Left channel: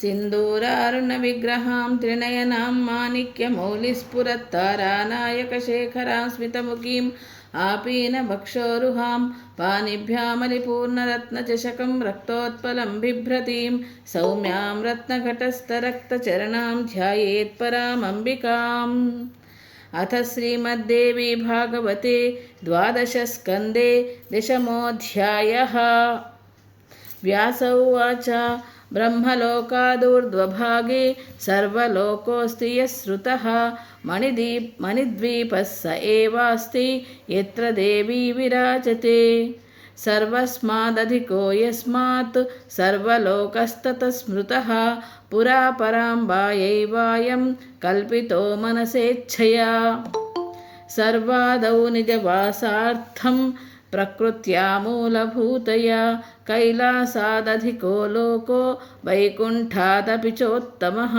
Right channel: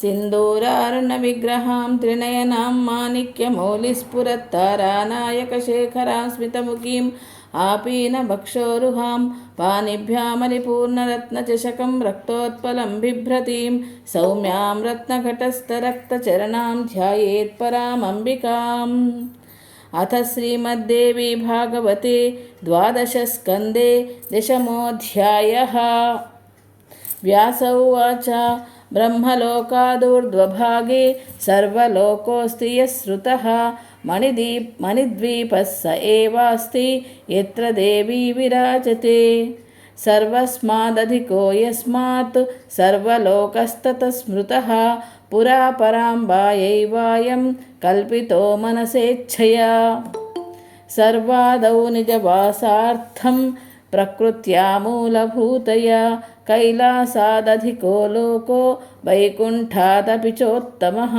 सिन्दूरारुणविग्रहां त्रिनयनां माणिक्यमौलिस्फुरत्तारानायकशेखरां स्मितमुखीम् आपीनवक्षोरुहां पानिभ्यामलिपूर्णरत्नचषकं रक्तोत्पलं बिभ्रतीं सौम्यां रत्नघटस्थरक्तचरणां ध्यायेत्परामम्बिकाम्। अथ श्रीमद्देवी भागवते द्वादशस्कन्धे दशमोऽध्यायः। व्यास उवाच ब्रह्मलोकादूर्ध्वभागे सर्वलोकोऽस्ति यः श्रुतः मणिद्वीपः स एवास्ति यत्र देवी विराजते सर्वस्मादधिको यस्मात् सर्वलोकस्ततः स्मृतः पुरा पराम्बायैवायं कल्पितो मनसेच्छया सर्वादौ निजवासार्थं प्रकृत्या मूलभूतया कैलासादधिको लोको वैकुण्ठादपि चोत्तमः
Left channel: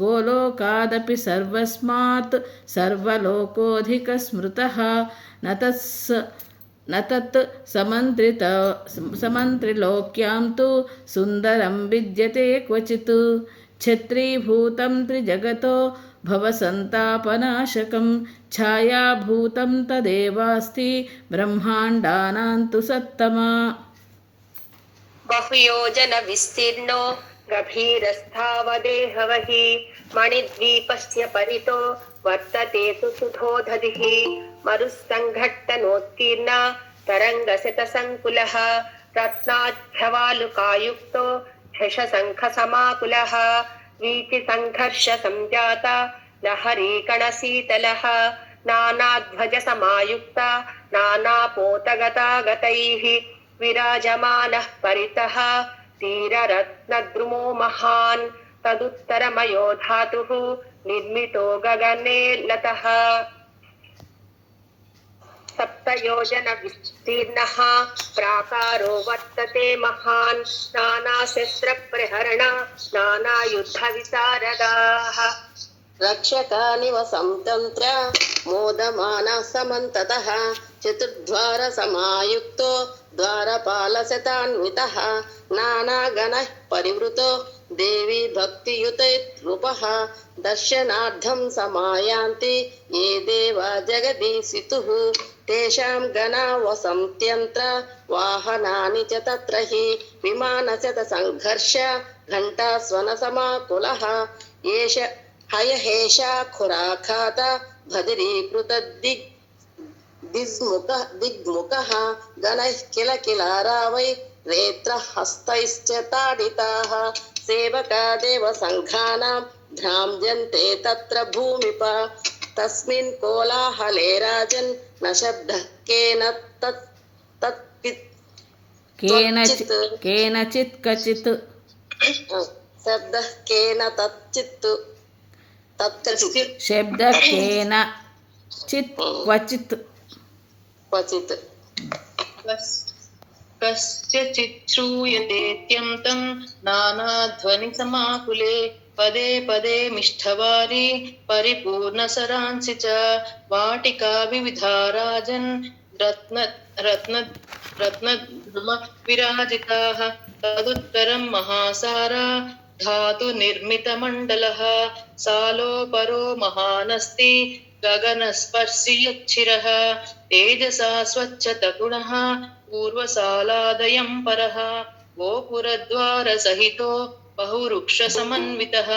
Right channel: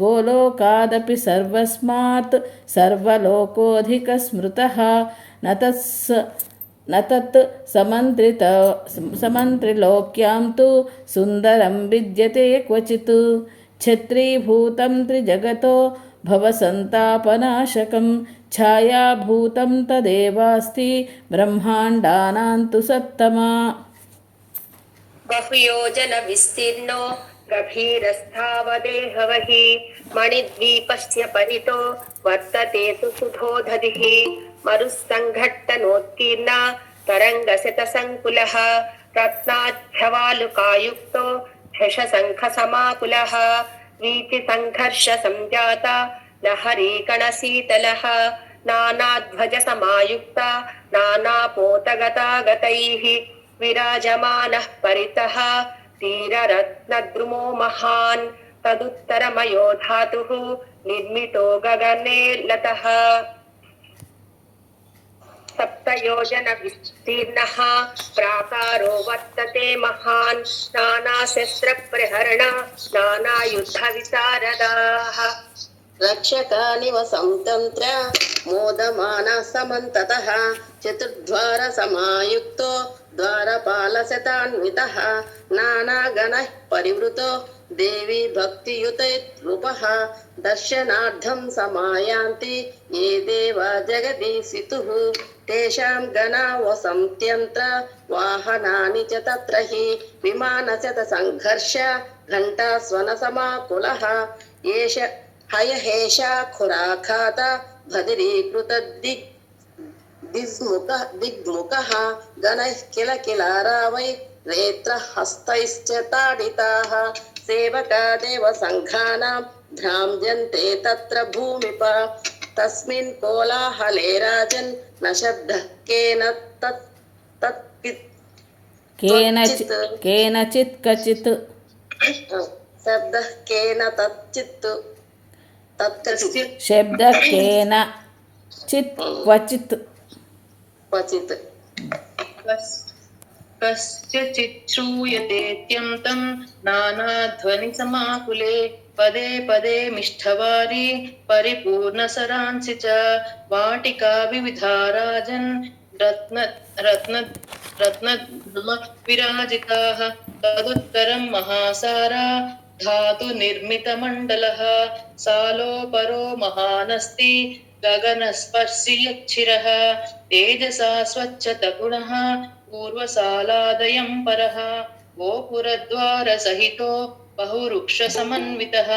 गोलोकादपि सर्वस्मात् सर्वलोकोऽधिकस्मृतः न तत् समन्त्रिलोक्यां तु सुन्दरं विद्यते क्वचित् क्षत्रीभूतं त्रिजगतो भवसन्तापनाशकं छायाभूतं तदेवास्ति ब्रह्माण्डानां तु सत्तमा बहुयोजन विस्तीर्णो गभीरस्थावदेहवहि मणिद्वीपस्य परितो वर्तते सुधोदधिः मरुस्सङ्घट्टनोत्कीर्णा तरङ्गशतसङ्कुलः रत्नाढ्यवालुकायुक्तो झषशङ्खसमाकुलः वीचिसङ्घर्षसञ्जाता लहरीकणशीतलः नानाध्वजसमायुक्ता नानापोतगतागतैः विराजमानः परितः तीररत्नद्रुमो महान् तदुत्तरमयो धातुः निर्मितो गगने लतः सप्तयोजन विस्तीर्णः प्राकारो वर्तते महान् नानाशस्त्रप्रहरण नानायुद्धविशारदाः रक्षकानिव संतन्त्र मोदमानः समन्ततः चतुर्द्वारसमायुक्तो द्वारपालशतान्वितः नानागणैः परिवृतो देवी भक्तियुतैर्रूपः दर्शनार्थं समायान्ति ये देवा जगदीशितुः तेषां गणा वसन्त्यन्त्र वाहनानि च तत्र हि विमानशतसङ्घर्ष घण्टास्वनसमाकुलः एष हयहेषा खुराखात भद्रीकृत दिग्मुखः गणैः किल किलारावै रेत्रहस्तैश्च ताडिताः सेवका देवसङ्घानां भ्राम्यन्ते तत्र भूमिप तस्मिन् कोलाहले राजन् न शब्दः केनचित् कचित् शब्दः केन तच्चित् शब्दः केनचित् क्वचित् कस्यचित् श्रूयतेऽत्यन्तं नानाध्वनिसमाकुले पदे पदे मिष्ठवारी परिपूर्णसरांसि च वाटिका विविधा राजन् रत्नद्रुमविराजिताः तदुत्तरं महासारा धातुनिर्मितमण्डलः सालोपरो महानस्ति गगनस्पर्शि यच्छिरः तेजसा स्वच्छतगुणः पूर्वसालादयं परः गोपुरद्वारसहितो बहुवृक्षसमन्वितः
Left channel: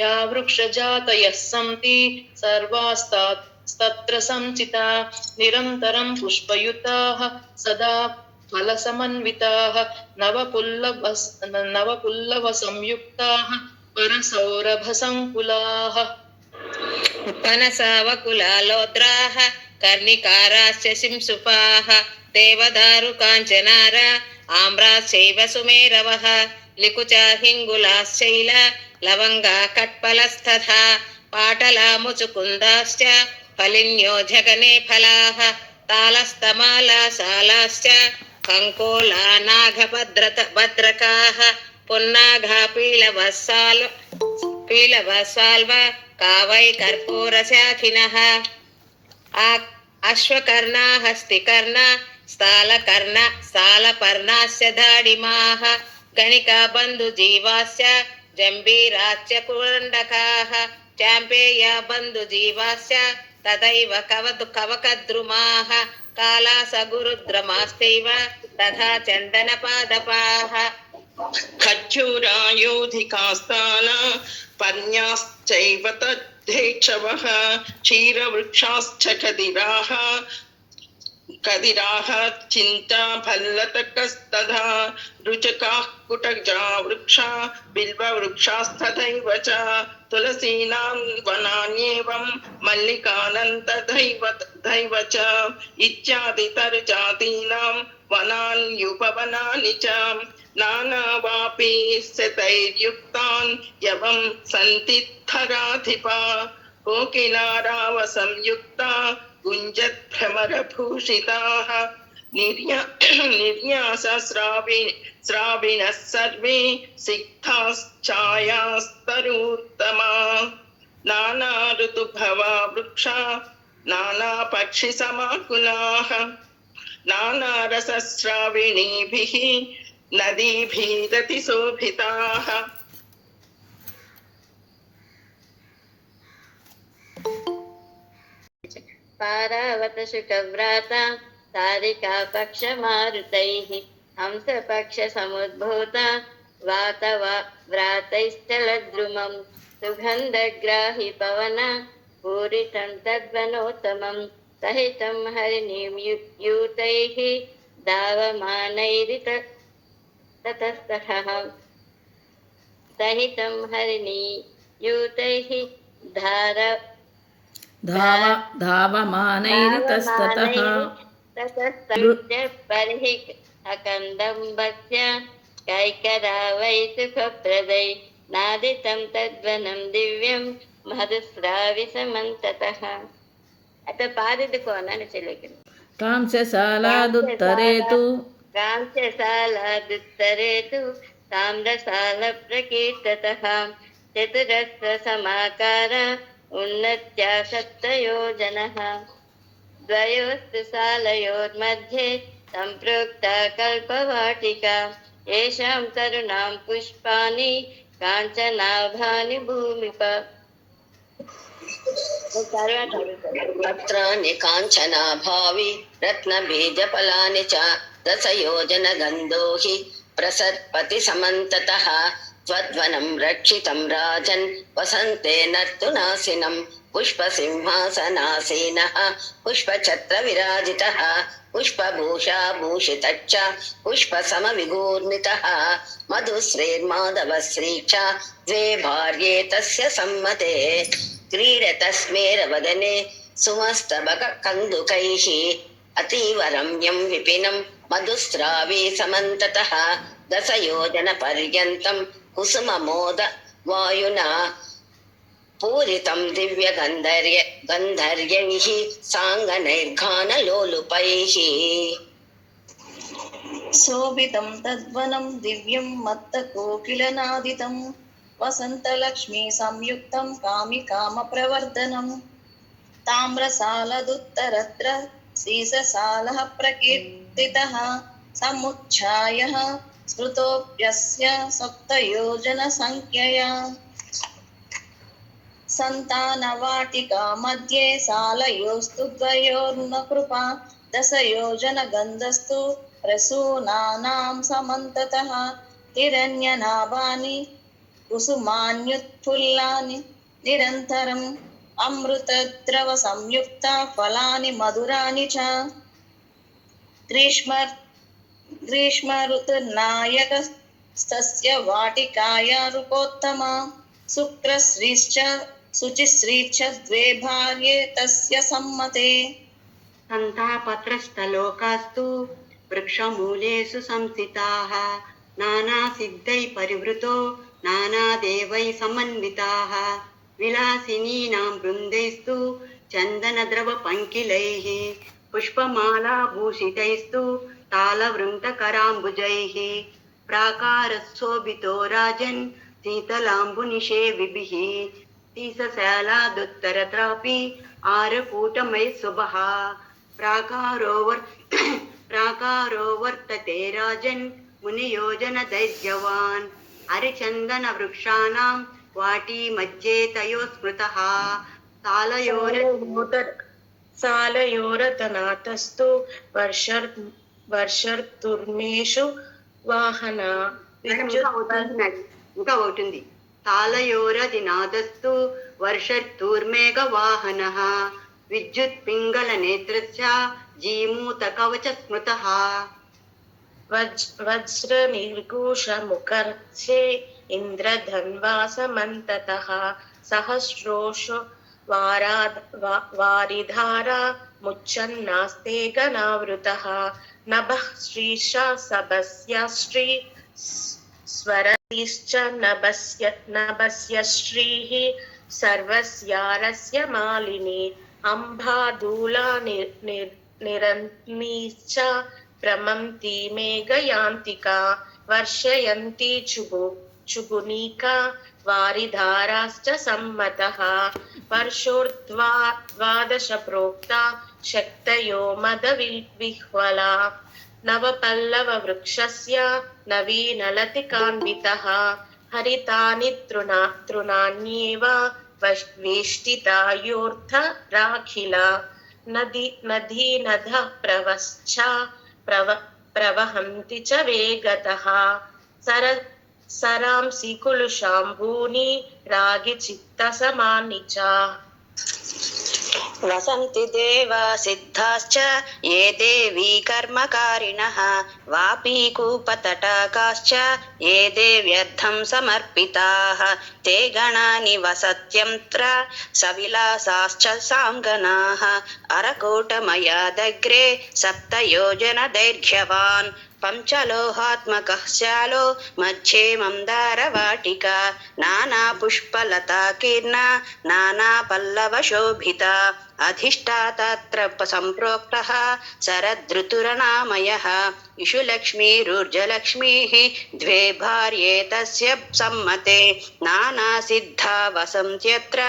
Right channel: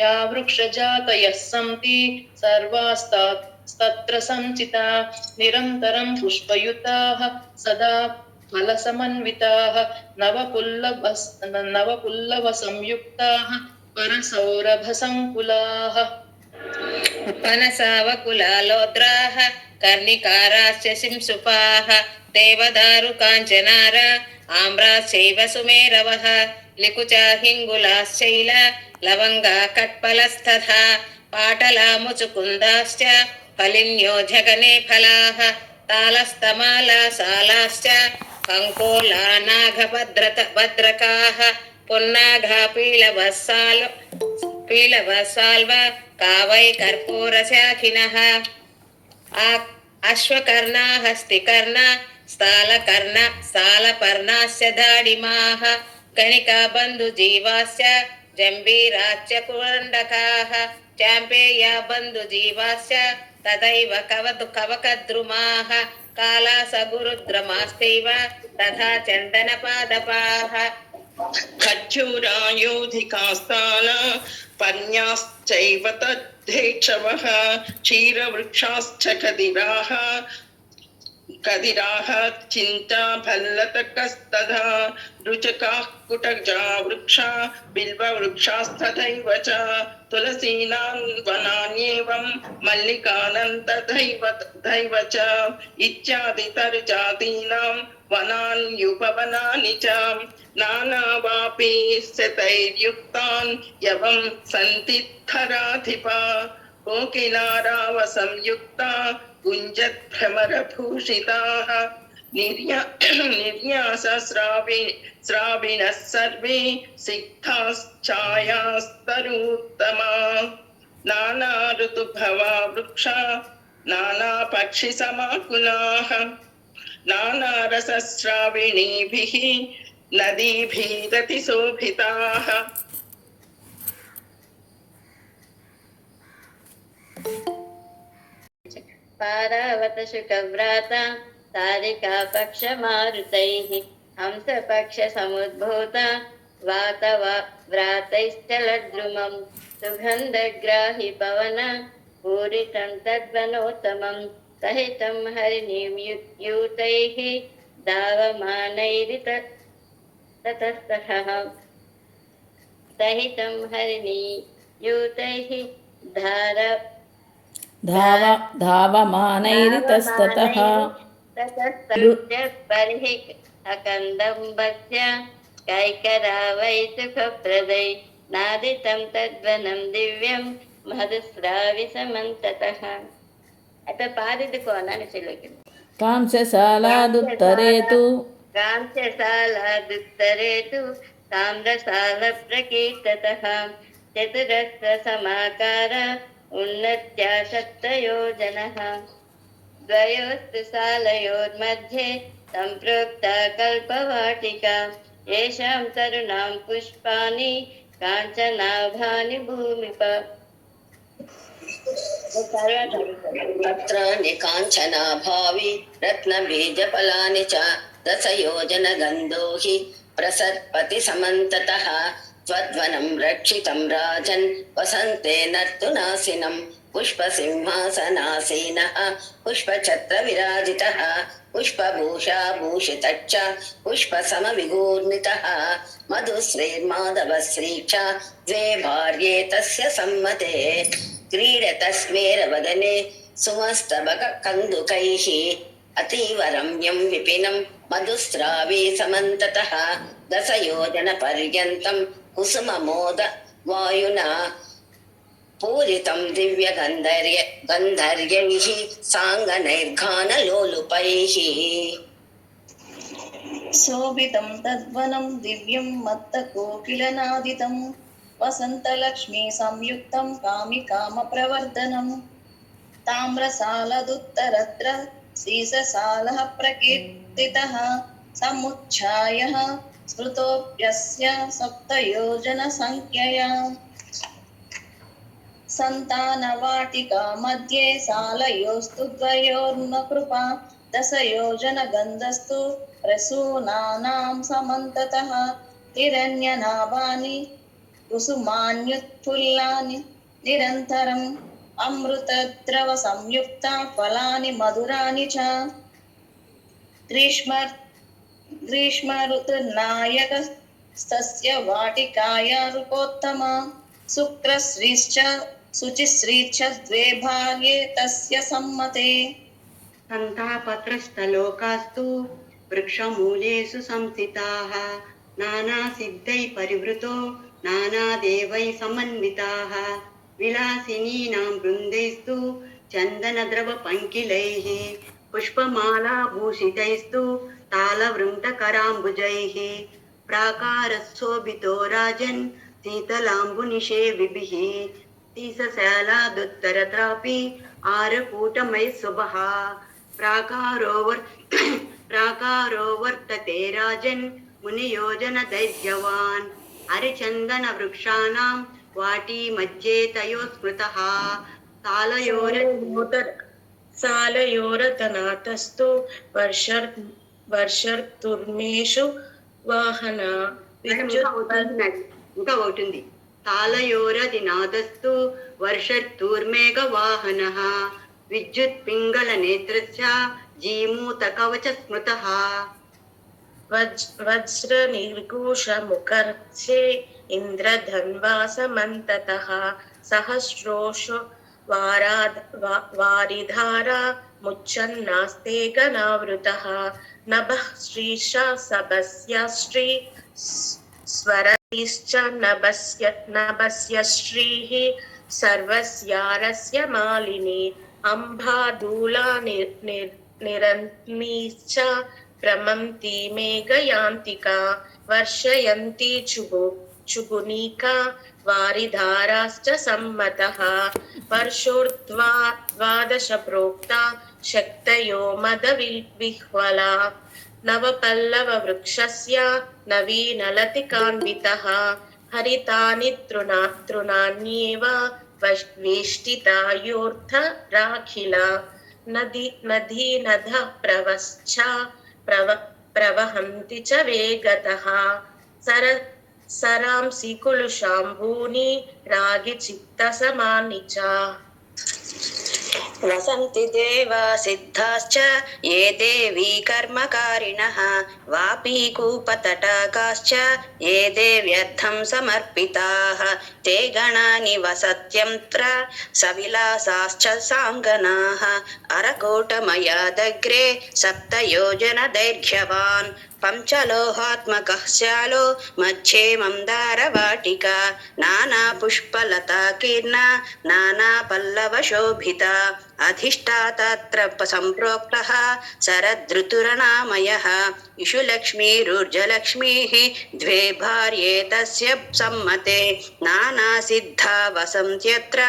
या वृक्षजातयः सन्ति सर्वास्तत्र सञ्चिता निरन्तरं पुष्पयुताः सदा फलसमन्विताः नवपुल्लवसंयुक्ताः परसौरभसङ्कुलाः पनसावकुलालोद्राः कर्णिकाराश्च शिंशुपाः देवदारुकाञ्चनार आम्राश्चैव सुमेरवः लिकुचा हिङ्गुलाश्चैल लवङ्गा कट्पलस्तथा पाटला मुचुकुन्दाश्च फलिन्यो जगने फलाः तालस्तमाला सालाश्च कङ्कोला नागभद्रकाः पुन्नाघा पीलवसाल्व कावै कर्पूरशाखिनः अश्वकर्णा हस्तिकर्णा सालपर्णास्य दाडिमाः गणिका बन्धुजीवास्य जम्बीराच्च कुण्डकाः चाम्पेया बन्धुजीवास्य तथैव कवकद्रुमाः कालासगुरुद्रमास्तैव तथा चन्दनपादपाः खर्जूरायोधिकास्ताना पर्ण्याश्चैव तद्धेक्षवः क्षीरवृक्षाश्च कदिराः चिन्ताफल्लतकस्तथा रुचकाः कुटजा वृक्षा बिल्ववृक्षास्तथैव च तुलसीनां वनान्येवं मल्लिकानन्तथैव च इत्यादितरजातीनां वनान्युपवनानि च नानावापि शतैर्युक्तान् यवं सन्तिद्धराधिपा कोकिलारावसंयुक्ता गुञ्जद्भ्रमरभूषिताः निर्यासस्राविणः सर्वे सिक्ताश्चायास्तरूत्तमा नाना ऋतुभवा वृक्षा नानापक्षिसमाकुलाः नानारसस्राविणीभिः नदीभिरतिशोभिताः पारावतशुकव्राता सारिका पक्षमारुतैः हंसपक्षसमुद्भूता व्रातैश्चलद्रुमं सुगन्धग्राहि पवना पूरितं तद्वनोत्तमं सहितं हरिणीयूतैः धावमानैरिततस्ततः सहितं हरिणीयूतैः धावमानैरितस्ततः परिहि अकन्दं भक्त्य कैकरावै सुखप्रदै नादितं तद्वनं दिव्यं मधुस्राविसमन्ततः अतः पादित कोणाने चले कांस्यशालादुत्तरे तु ताम्रशालप्रकीर्ततः चतुरस्रसमाकार उन्नत्या सप्तयोजनः द्वयोस्तु शालयोर्मध्ये सम्प्रोक्ता कल्पवाटिका येषां तरुणां पुष्पाणि काञ्चनाभानि भूमिप पत्राणि काञ्चनाभावि रत्नबीजफलानि च दशयोजनगन्धो हि प्रसर्पति समन्ततः त्वद्वनं रक्षितं राजन् वसन्ते नर्तुनासिनं पुष्पसिंहासनासीनः पुष्पछत्रविराजितः पुष्पभूषाभूषितश्च पुष्पसमविगूर्णितः मधुश्रीर्माधवश्री च द्वे भार्ये तस्य सम्मते क्रीडतस्मेरवदने सुमस्तबककन्दुकैः अतीव रम्यं विपिनं मधुस्रावे समन्ततः दशयोजनपर्यन्तं कुसुममोद वायुना पूरितं दिव्यगन्धर्यैः साङ्गनैर्घानलोलुपैः शोभितं तद्वनं दिव्यं मत्तकोकिलनादितं वसन्तलक्ष्मी संयुक्तं कामिकामप्रवर्धनं ताम्रसालदुत्तरत्र शीर्षसालः प्रकीर्तितः समुच्छायः स्मृतोऽप्यस्य सप्तयोजनसंख्यया सन्तानवाटिका मध्ये सालयोस्तु द्वयोर्नकृपा दशयोजनगन्धस्तु प्रसूनानां समन्ततः हिरण्यनाभानि कुसुमान्युत्फुल्लानि निरन्तरम् अमृतद्रवसंयुक्ता फलानि मधुराणि च ग्रीष्मऋतुर्नायकस्तस्य वाटिकाया रूपोत्तमा शुक्रश्रीश्च शुचिश्रीश्च द्वे भार्ये तस्य सम्मते सन्तापत्रस्तलोकास्तु वृक्षमूलेषु संस्थिताः नानासिद्धैः परिवृतो नानादेवैः समन्विताः विलासिनीनां वृन्दैस्तु चन्दनद्रवपङ्किलैः पुष्पमालाभूषितैस्तु तालवृन्दकराम्बुजैः प्राकारशोभितो राजन् शीतलाम्बुनिषेविभिः तीसशैलादुत्तरत्रापि आरकूटमयशुभः प्राकारो वर्तते राजन् मुनियोजनदैर्घ्यवान् हरिचन्दनवृक्षाणां वाटी मध्ये तयो स्मृतः सालयोरतनातस्तु వర్షర్తుర్మేషు వాహన ఇంకా ఒకటి తాళయోరదినాదస్తు వర్షర్తూర్మేఘ వాహన విద్యుత్ పింగళ నేత్రస్య జీమూత కవచ స్మృతః వజ్ర నిర్ఘోష ముఖర్చే ఇంద్రధన్వాసమంతతః సహస్రోష వారిధారా ముచ్చన్నాస్తే గణావృతః నభః శ్రీశా సభస్యాశ్రీ స్వరతిశ్చ నభస్య శ్రీః సర్వస్యారస్య మాలిని అంబాధూలా నిరంత్మీశ్చ ప్రమంతి మేఘయాంతికా వర్షయంతి చుగునీకా వారిధారాశ్చ సమ్మతః వర్షోర్ధ్వాదశ ప్రోక్తా శక్తయో మద విహ్వలా నవపల్లవ వృక్షస్య నవీనలతికాన్వితః హరితాని తృణాన్యేవ వేష్టితాయోర్థ రాఖిలా నదీనధః ప్రవహంతి చ వేగతః సరాంసి కులుషాంభూని రాగి చిత్త సమాని చ వసంతి దేవా సిద్ధాశ్చ ఏ దేవీ కర్మకారిణః వాపీకూపతటాకాశ్చ ఏ దేవ్యర్థం సమర్పితాః తే గణాని వసత్యంత్ర సవిలాసాశ్చ సాంగనాః అరకోటమయాదగ్రే సప్తయోజన దైర్ఘ్యవాన్ పంచలోహాత్మకః శాలో మధ్యే మందారవాటిక నానా పుష్పలతాకీర్ణ నానా పల్లవ శోభిత అధిష్టాతత్ర సంప్రోక్తః శరదృతురనామయః ఇషులక్ష్మీరుర్జలక్ష్మీః ద్వే భార్యే తస్య సమ్మతే నానా సిద్ధా వసంత్యత్ర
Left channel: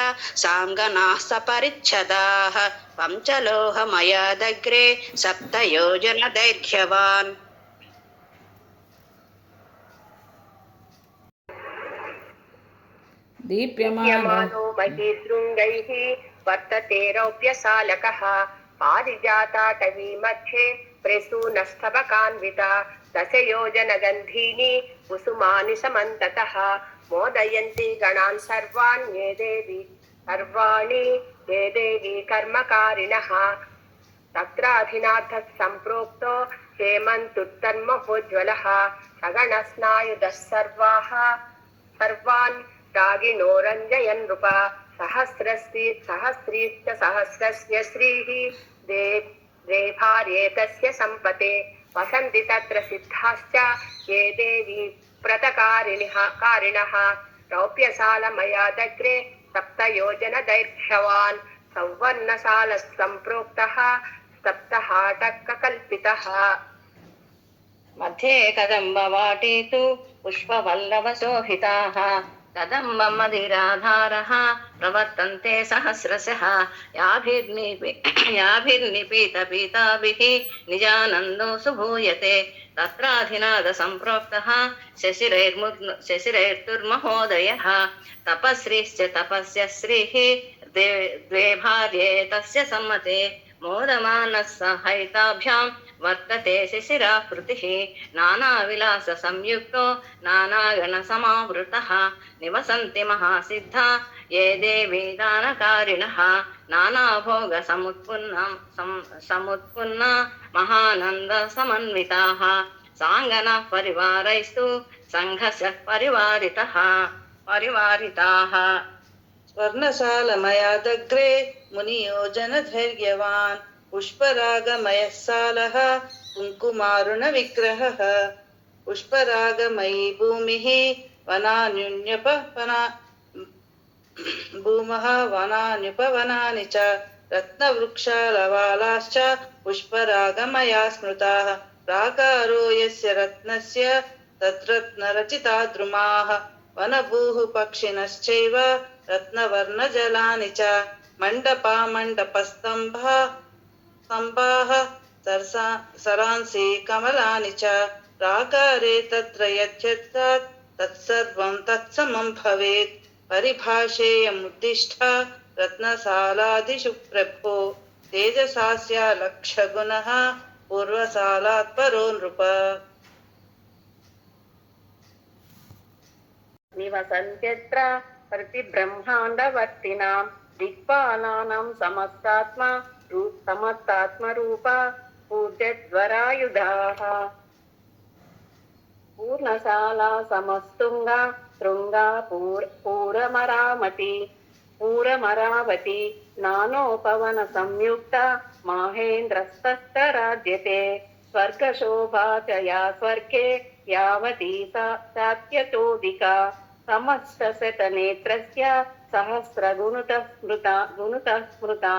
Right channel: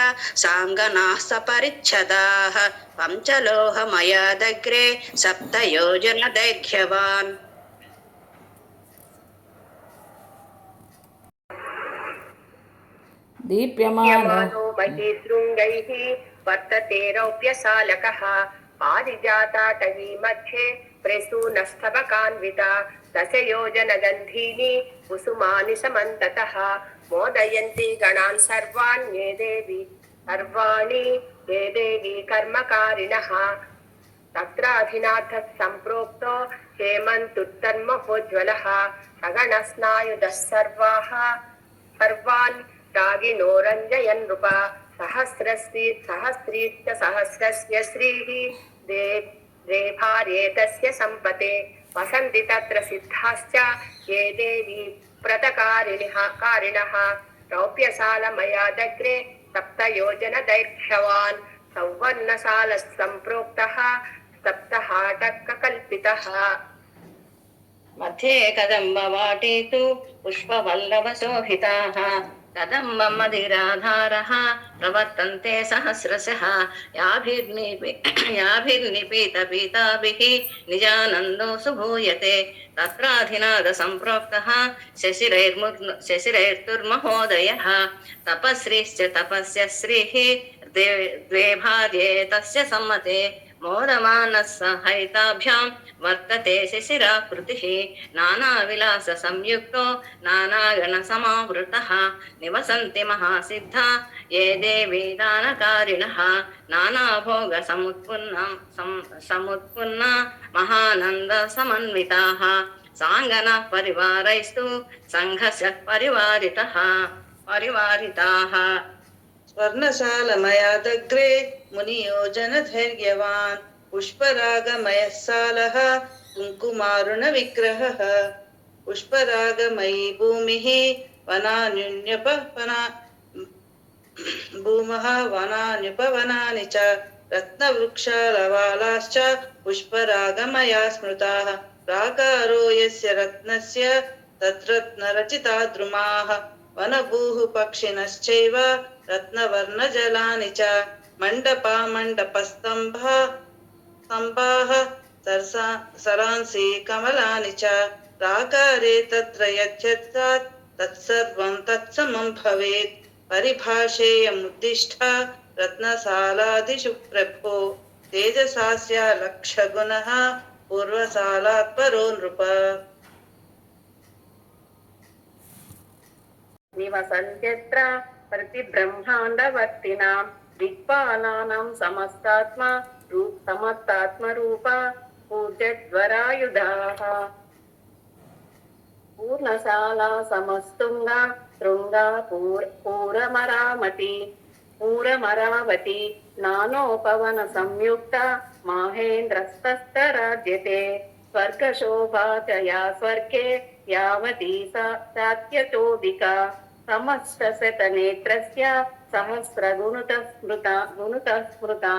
సాంగనాః సపరిచ్ఛదాః పంచలోహమయాదగ్రే సప్తయోజన దైర్ఘ్యవాన్ దీప్యమానో మహీశృంగైః వర్తతే రౌప్యశాలకః పారిజాతాటవీ మధ్యే ప్రసూనస్తబకాన్వితా దశయోజనగంధీని కుసుమాని సమంతతః మోదయంతి గణాన్ సర్వాణి ఏ దేవి కర్మకారిణః తత్రాధినాథః సంప్రోక్తో హేమంతుత్తన్మహోజ్వలః సగణస్నాయుధः సర్వాన్ రాగిణో రంజయన్ నృప సహస్రీశ్చ సహస్రస్య శ్రీః దే భార్యే తస్య సంపతే వసంతి తత్ర సిద్ధాశ్చ ఏ దేవీ వ్రతకారిణః రౌప్యశాలమయాదగ్రే సప్తయోజన దైర్ఘ్యవాన్ సౌవర్ణశాల సంప్రోక్తః సప్తహాటకల్పితః मध्ये कदम्बवाटीतु पुष्पवल्लभशोभिताः कदम्बमधिराधारः प्रवर्तन्ते सहस्रशः याभिर्निपीतपीताभिः निजानन्दो सुभूयते तत्राधिनादसम्प्रोक्तः शशिरैर्तुर्महोदयः तपस्रीश्च तपस्य श्रीः द्वे भार्ये तस्य सम्मते मोदमानः सहैताभ्यां वर्तते शिशिराकृतिः नानाविलाससंयुक्तो नानागणसमावृतः निवसन्ति महासिद्धा ये देवी दानकारिणः नानाभोगसमुत्पन्ना महानन्दसमन्विताः साङ्गनः परिवारैस्तु सङ्घस्य परिवारिताः स्वर्णशालमयादग्रे मुनियोजनधैर्यवान् पुष्परागमयः सालः कुङ्कुमारुणविग्रहः पुष्परागमयी भूमिः वनान्युपवनानि च रत्नवृक्षालवालाश्च पुष्परागमया स्मृताः प्राकारो यस्य रत्नस्य तद्रत्नरचिता द्रुमाः वनभूः पक्षिणश्चैव रत्नवर्णजलानि च मण्डपाः सरांसि कमलानि च प्राकारे तत्र यच्चत्तात् तत्सर्वं तत्समं भवेत् परिभाषेयमुद्दिष्ट रत्नसालादिषु प्रभो तेजसास्य लक्षगुणः पूर्वसालात् परो नृप निवसन्त्यत्र प्रतिब्रह्माण्डवर्तिनां दिक्पालानां समस्तात्मरूप पूज्यध्वरायुधाः पूर्णशाला समस्तुङ्गा शृङ्गा पूरमरावती नानोपवन संयुक्ता माहेन्द्रस्तराज्यते स्वर्गशोभा च या स्वर्गे यावती सात्यचोदिका समस्तशतनेत्रस्य सहस्रगुणुतः स्मृता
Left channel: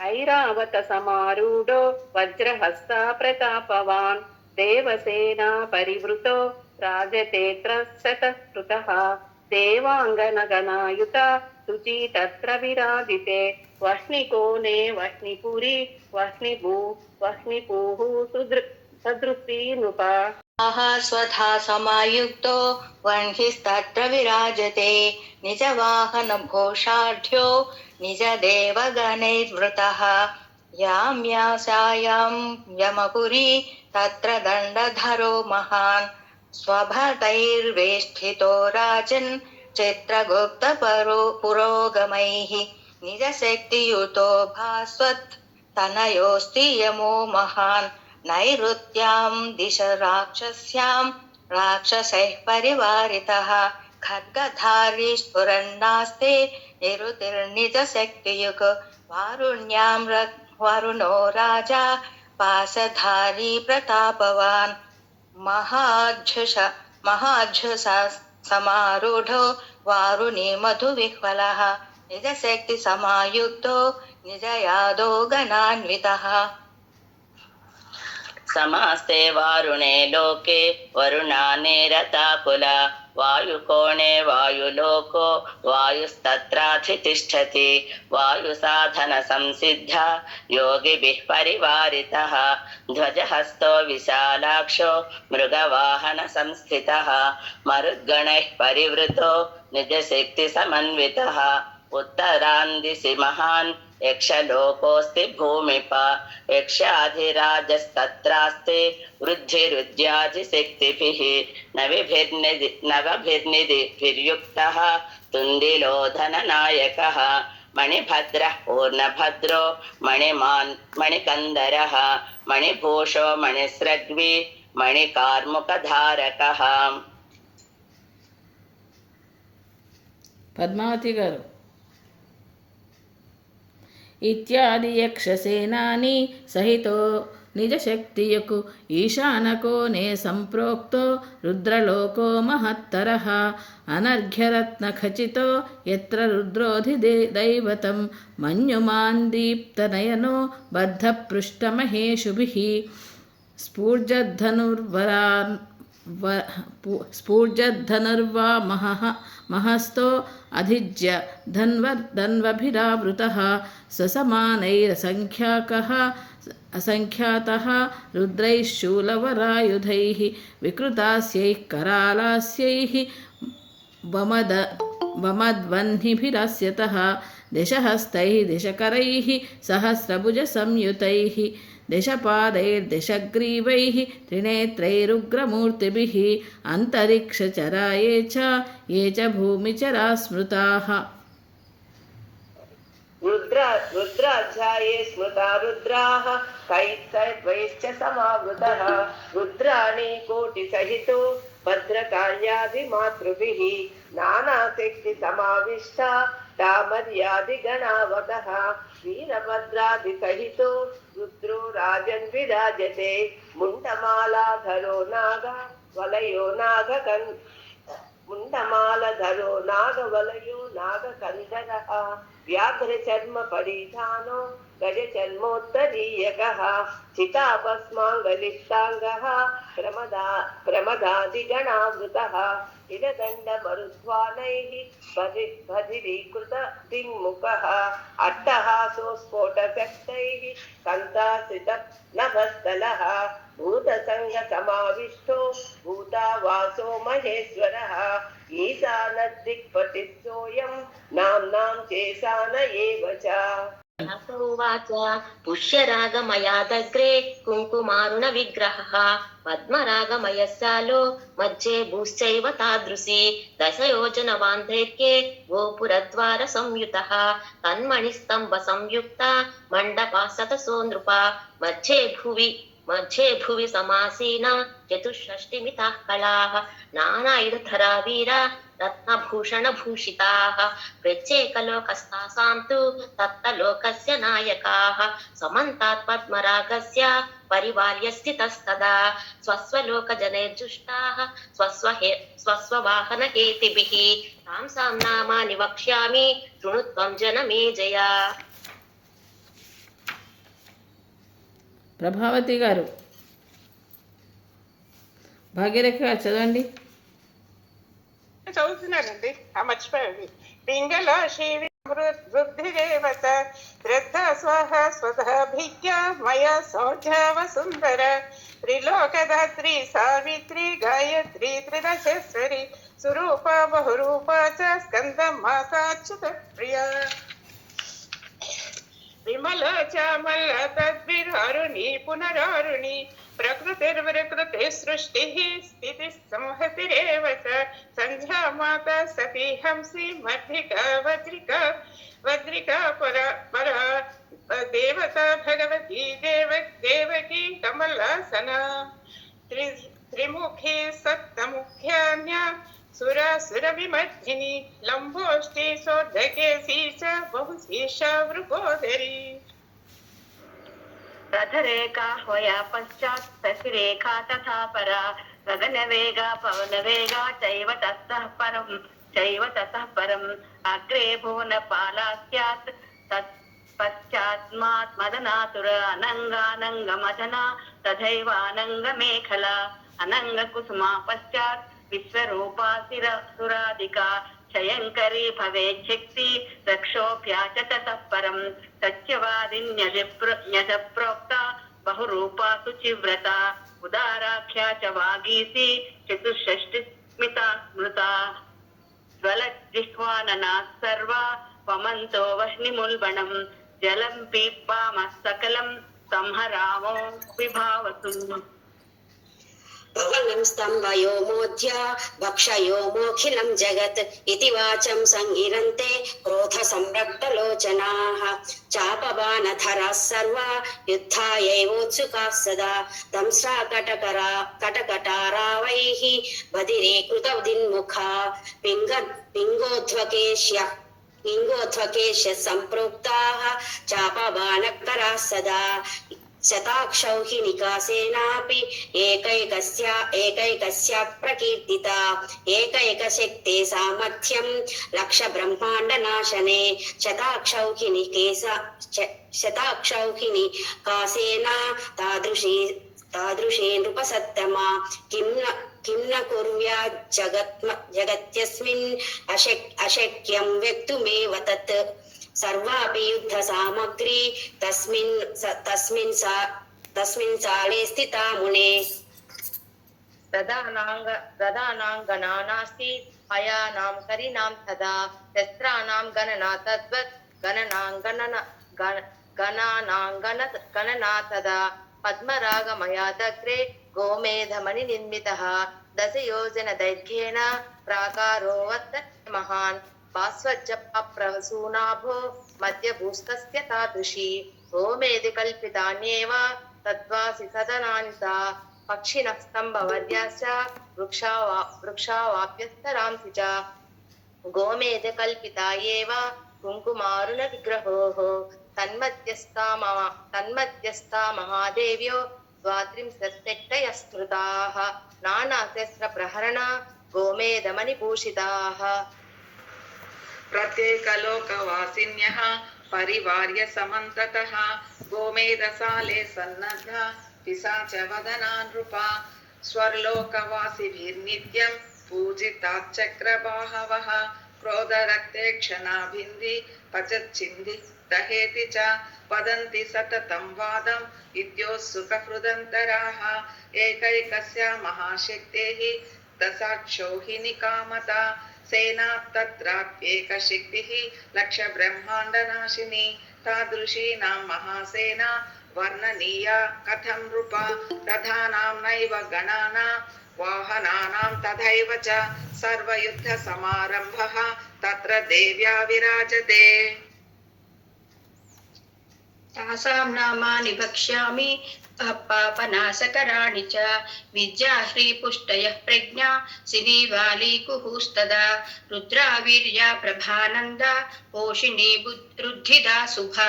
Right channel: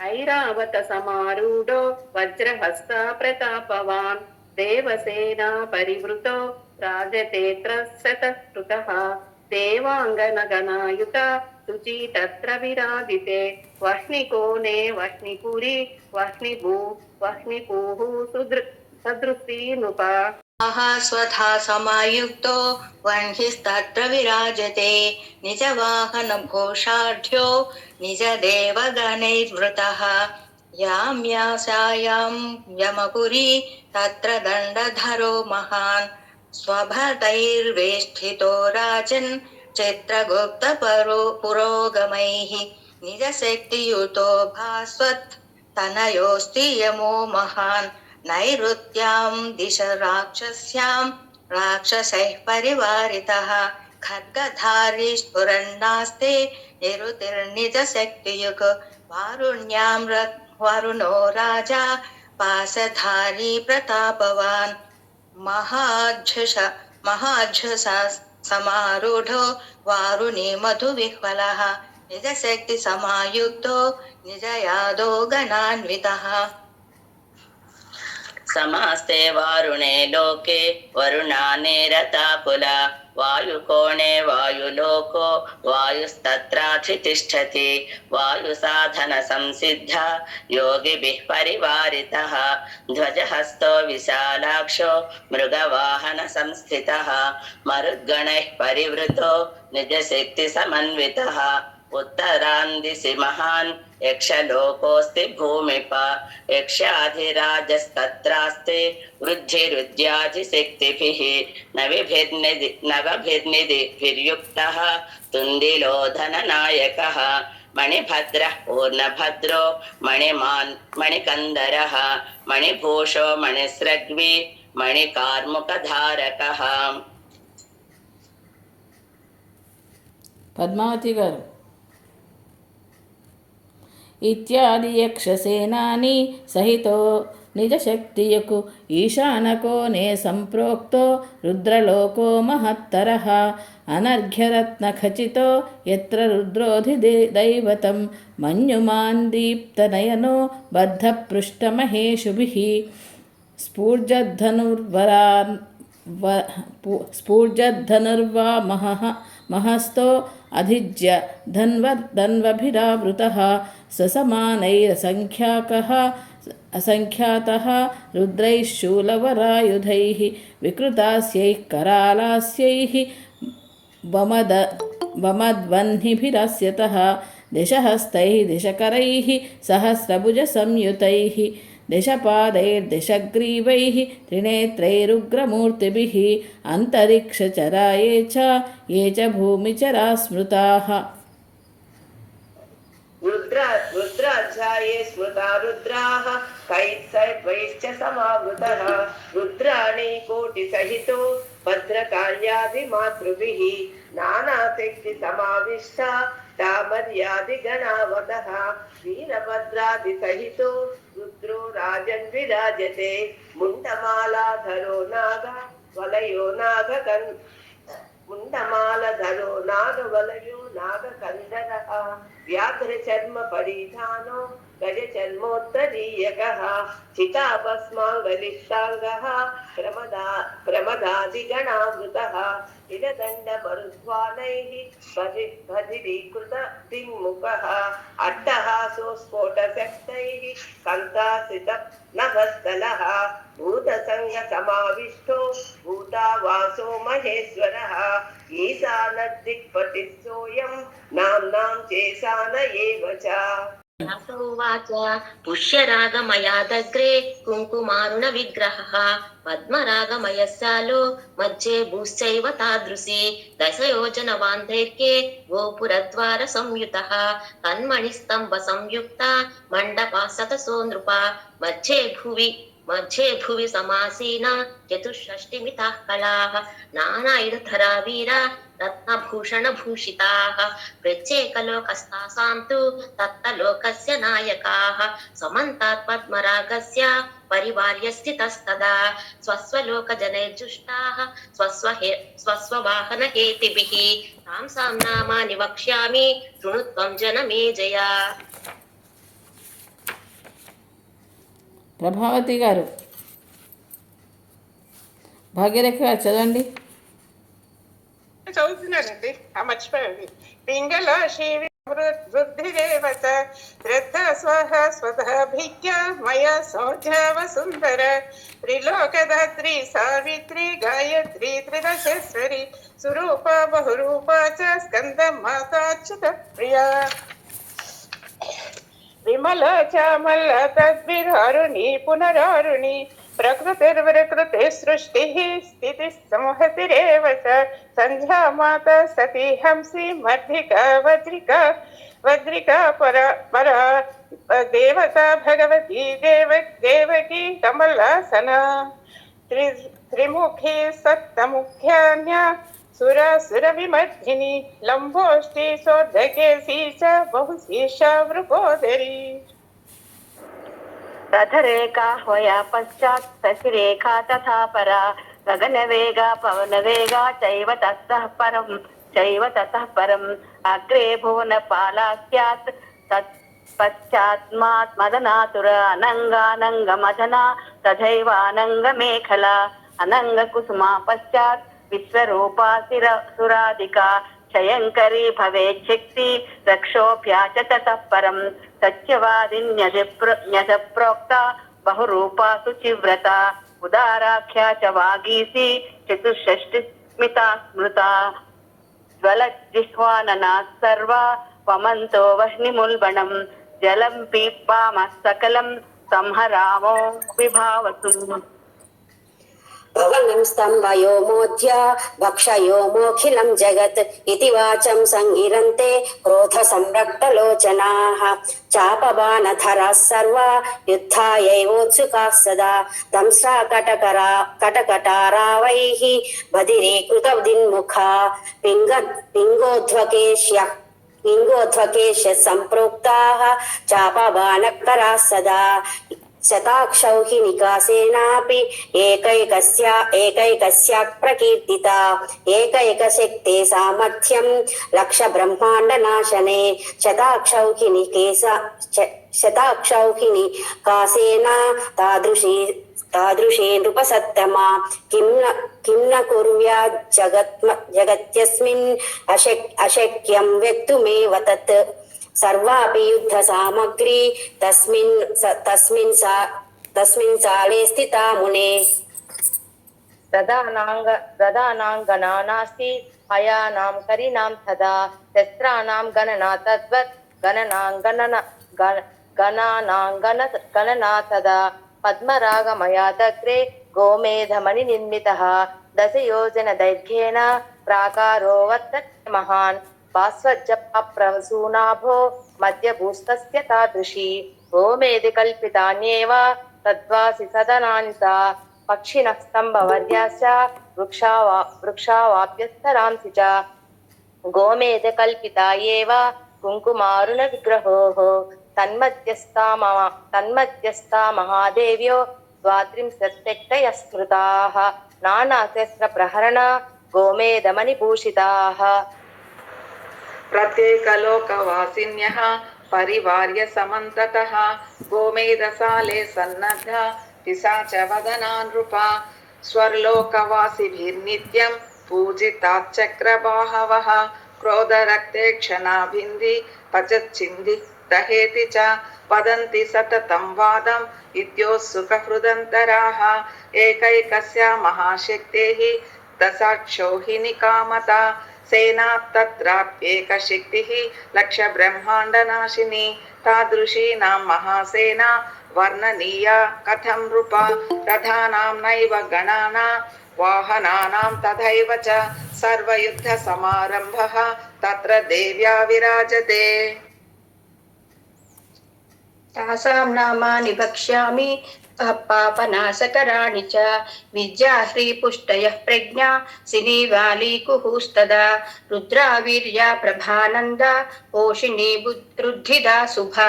ऐरावत समारूढो वज्रहस्ता प्रतापवान् देवसेना परिवृतो राजतेऽत्रशतकृतः देवाङ्गनगणायुता शुचि तत्र विराजिते वह्निकोणे वह्निपुरी वह्निपूः सदृशी नृप स्वधा समायुक्तो वह्निस्तत्र विराजते निजवाहनघोषाढ्यो निजदेवगणैर्वृतः याम्यासायां यमपुरी तत्र दण्डधरो महान् स्वभटैर्वेष्टितो राजन् चित्रगुप्तपुरोगमैः निजशक्तियुतो भास्वत् तनयोस्ति यमो महान् नैऋत्यां दिश राक्षसैः परिवारितः खड्गधारी स्फुरन्नास्ते निरुतिर्निजशक्तियुक् वारुण्यो राजा पाशधारी प्रतापवान् महाझष समारूढो वारुणी मधुविह्वलः निजशक्ति समायुक्तो निजयादो गणान्वितः समास्ते वारुणे लोके वरुणाने रताकुला वायुकोणे वायुलोको वायुस्तत्राधितिष्ठति वायुसाधन संसिद्धा योगिभिः परिवारितः ध्वजहस्तो विशालाक्षो मृगवाहन संस्थितः मरुद्गणैः परिवृतो निजशक्ति समन्वितः उत्तरान्दिशि महान् यक्षलोकोऽस्ति भूमिप यक्षाधिराजस्तत्रास्ते वृद्धिरुद्याधिशक्तिभिः नवभिर्निधिभिर्युक्तः तुन्दिलोधननायकः मणिभद्रः पूर्णभद्रो मणिमान् मणिकन्दरः मणिभूषो मणिस्रग्वी मणिकार्मुकधारकः. పద్మావతి గారు ఇత్యాది యక్షసేనాని సహితో నిజశక్తియకు ఈశానకోనే సంప్రోక్తో రుద్రలోకో మహత్తరః అనర్ఘ్యరత్నఖచితో యత్ర రుద్రోధిదైవతం మన్యుమాన్ దీప్తనయనో బద్ధపృష్టమహేషుభిః స్ఫూర్జద్ధనుర్వా महस्तो अधिज्य धन्वभिरावृतः असंख्यातः रुद्रैः शूलवरायुधैः विकृतास्यैः करालास्यैः वमद्वह्निभिरस्यतः दिशहस्तैः दिशकरैः सहस्रभुजसंयुतैः दिशपादैर्दिशग्रीवैः त्रिनेत्रैरुग्रमूर्तिभिः अन्तरिक्षचरा ये च भूमिचरा स्मृताः. रुद्राध्याये स्मृता रुद्राः कैश्च समावृतः रुद्राणि कोटिसहितो भद्रकाल्यादिमातृभिः नानाशक्ति समाविष्टा दामर्यादिगणावतः वीरभद्रादिसहितो रुद्रो राजन् विराजते मुण्डमालाधरो नागवलयो नागवलयो नागकन्दरः व्याघ्रचर्म परिधानो गजचर्मोत्तरीयकः चिताभस्माङ्गलिष्टाङ्गः प्रमदादिगणावृतः इडदण्डमरुध्वानैः बधिरीकृत दिङ्मुखः अट्टहासोस्फोटशक्तैः कन्तासित नभस्थलः भूतसङ्गसमाविष्टो भूतावासो महेश्वरः ईशानदिक्पतिः सोऽयं नाम्नां चेशान एव च। उवाच पुष्यरागमयादग्रे कुङ्कुमारुण विग्रहः पद्मरागमयस्यालो मध्ये भूश्चैव तादृशी दशयोजनवान्धैर्ये गोपुरद्वार संयुतः तन्मणिस्तम्भ संयुक्ता मण्डपासतसो नृपा मध्ये भुवि समासीना चतुष्षष्टिमिताः कलाः नानायुधधरा वीरा रत्नभूषणभूषिताः प्रत्येकलोकस्तासां तु तत्तलोकस्य नायकाः समन्तात् पद्मरागस्य परिवार्य स्थितस्तदा स्वस्वलोकजनैर्जुष्टाः स्वस्ववाहनहेतिभिः तांसां नामानि वक्ष्यामि शृणु त्वं जनमेजय। ప్రభావతి గారు భాగ్యరేఖ గారు చదవండి. చదువుతున్నానండి, మర్చిపోయాను. పింగళ శివి వృద్ధిదేవత శ్రద్ధ స్వహ స్వతభిజ్ఞ మయ సౌజవ సుందర త్రిలోకదాత్రి సావిత్రి గాయత్రి త్రిదశేశ్వరి సురూప బహురూప చ స్కంద మాతాచ్యుత ప్రియ విమల చామల్ల తద్విరారుణి పునరారుణి ప్రకృతిర్వికృతి సృష్టి స్థితి సంహతిరేవ చ సంధ్యా మాత సతీ హంసి మర్ధికా వజ్రికా పరా దేవత భగవతి దేవకీ కమలాసన త్రిముఖి సప్తముఖ్యాన్య సురాసుర విమర్ధిని లంబోష్టి శోద్ధకేశీ చ బహుశీర్షా వృకోదరి रथरेखाह्वया पश्चात् शशिरेखा तथा परा गगनवेगा पवनवेगा चैव ततः परम् अग्रे भुवनपाला स्यात् तत्पश्चात्मात् मदनातुर अनङ्गानङ्गमदना तथैवानङ्गमेखला अनङ्गकुसुमा पश्चात् विश्वरूपा सुराधिका क्षयङ्करी भवेच्छक्ति रक्षोभ्या च ततः परम् सत्यवादिन्यजप्रोक्ता बहुरूपा शुचिव्रता उदाराख्या च वागीसी चतुष्षष्टिस्मिता स्मृता ज्वलज्जिह्वानना सर्वा वमन्तो वह्निमुल्बणम् जलं पीप्पामः सकलं संहरामो विभावसु भवनं स्तम्भयो मोध्य भक्षयो मोखिलं जगत् इति वाचं संगिरन्ते क्रोधसंरक्तलोचनाः चापबाणधराः सर्वा युद्धायैवोत्सुकाः सदा दंष्ट्रा कटकटारावैः बधिरीकृतदिन्मुखा पिङ्गोध्वकेश्य सम्प्रोक्ताः चापबाणकराः सदा शताक्षौहिनिकासेनापि एकैकस्या प्रकीर्तिता एकैकशक्ते सामर्थ्यं लक्षब्रह्माण्डनाशने शताक्षौहिनिकासेना तादृशी नृपसत्तमा किं न कुर्यात् जगत्यस्मिन् अशक्यं व्यक्तुमेव तत् सर्वापि युद्ध सामग्री तस्मिन् साले स्थिता मुने ददानाङ्गनानास्ति हयानां करीनां तदा शस्त्राणां गणना तद्वत् गणना तदा पद्मरागमयादग्रे गोमेधमणिनिर्मितः दशयोजनदैर्घ्येन प्राकारो वर्तते महान् बास्वज्जप्रसूनाभो मध्यभूस्तस्य तादृशी गोमेधि कल्पितान्येव तद्वासि सदनान्ता पक्षिणः स्तम्भवर्याश्च वृक्षावाप्यस्तरांसि च गोमेधि कल्पिता एव कुङ्कुमारुणविग्रहोः तन्मध्यस्था महादेव्यो द्वात्रिंशत्तेट्टयः स्मृताः नानाशस्त्रप्रहरण गोमेधमणिभूषिताः प्रत्येकलोकवासिन्यः परिवार्य समन्ततः गोमेधसाले सन्नद्धा पिशाच वदना नृपा स्वर्लोकवासिभिर्नित्यं पूजिताच्चक्रबाहवः क्रोधरक्ते क्षणाभिन्धि पचच्छिन्धि दहेति च वदन्ति सततं वादम् इत्योत्सुकहृदन्तराः एकैकस्य महाशक्तेः दशाक्षोहिणी कामता सेनात्तत्राप्येकशक्तिः लक्षब्रह्माण्डनाशिनी तादृशीनां महासेना वर्णनीया कथं नृपा रथानां नैव गणानां वाहनानां तथैव च सर्वयुद्धसमारम्भः तत्र देव्या विराजते। तासां नामानि वक्ष्यामि पापनाशकराणि च विद्याह्रीपुष्टयः प्रज्ञा सिनीवाली कुहुस्तदा रुद्रा वीर्या प्रभानन्दा पोषिणी रुद्धिदा शुभा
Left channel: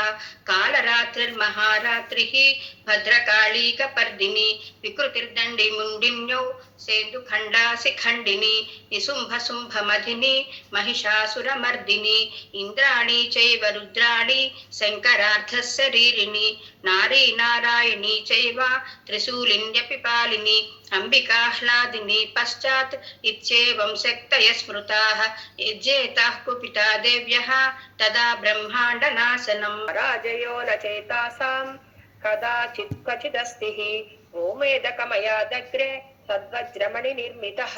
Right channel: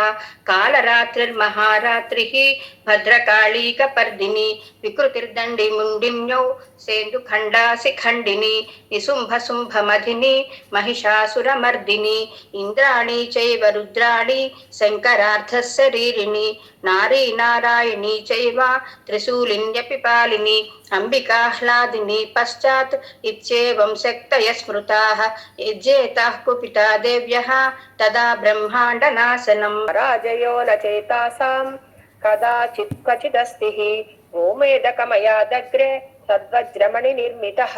कालरात्रिर्महारात्रिः भद्रकाळीकपर्दिनी विकृतिर्दण्डिमुण्डिन्यौ सेन्दुखण्डा शिखण्डिनी निशुम्भशुम्भमधिनी महिषासुरमर्दिनी इन्द्राणी चैव रुद्राणी शङ्करार्धशरीरिणी नारी नारायणी चैव त्रिशूलिन्यपि पालिनी अम्बिकाह्लादिनी पश्चात् इत्येवं शक्तयः स्मृताः यज्जेताः कुपिता देव्यः तदा ब्रह्माण्डनाशनं राजयो न चेतासां कदाचित् क्वचिदस्तिः गोमेदकमयादग्रे सद्वज्रमणि निर्मितः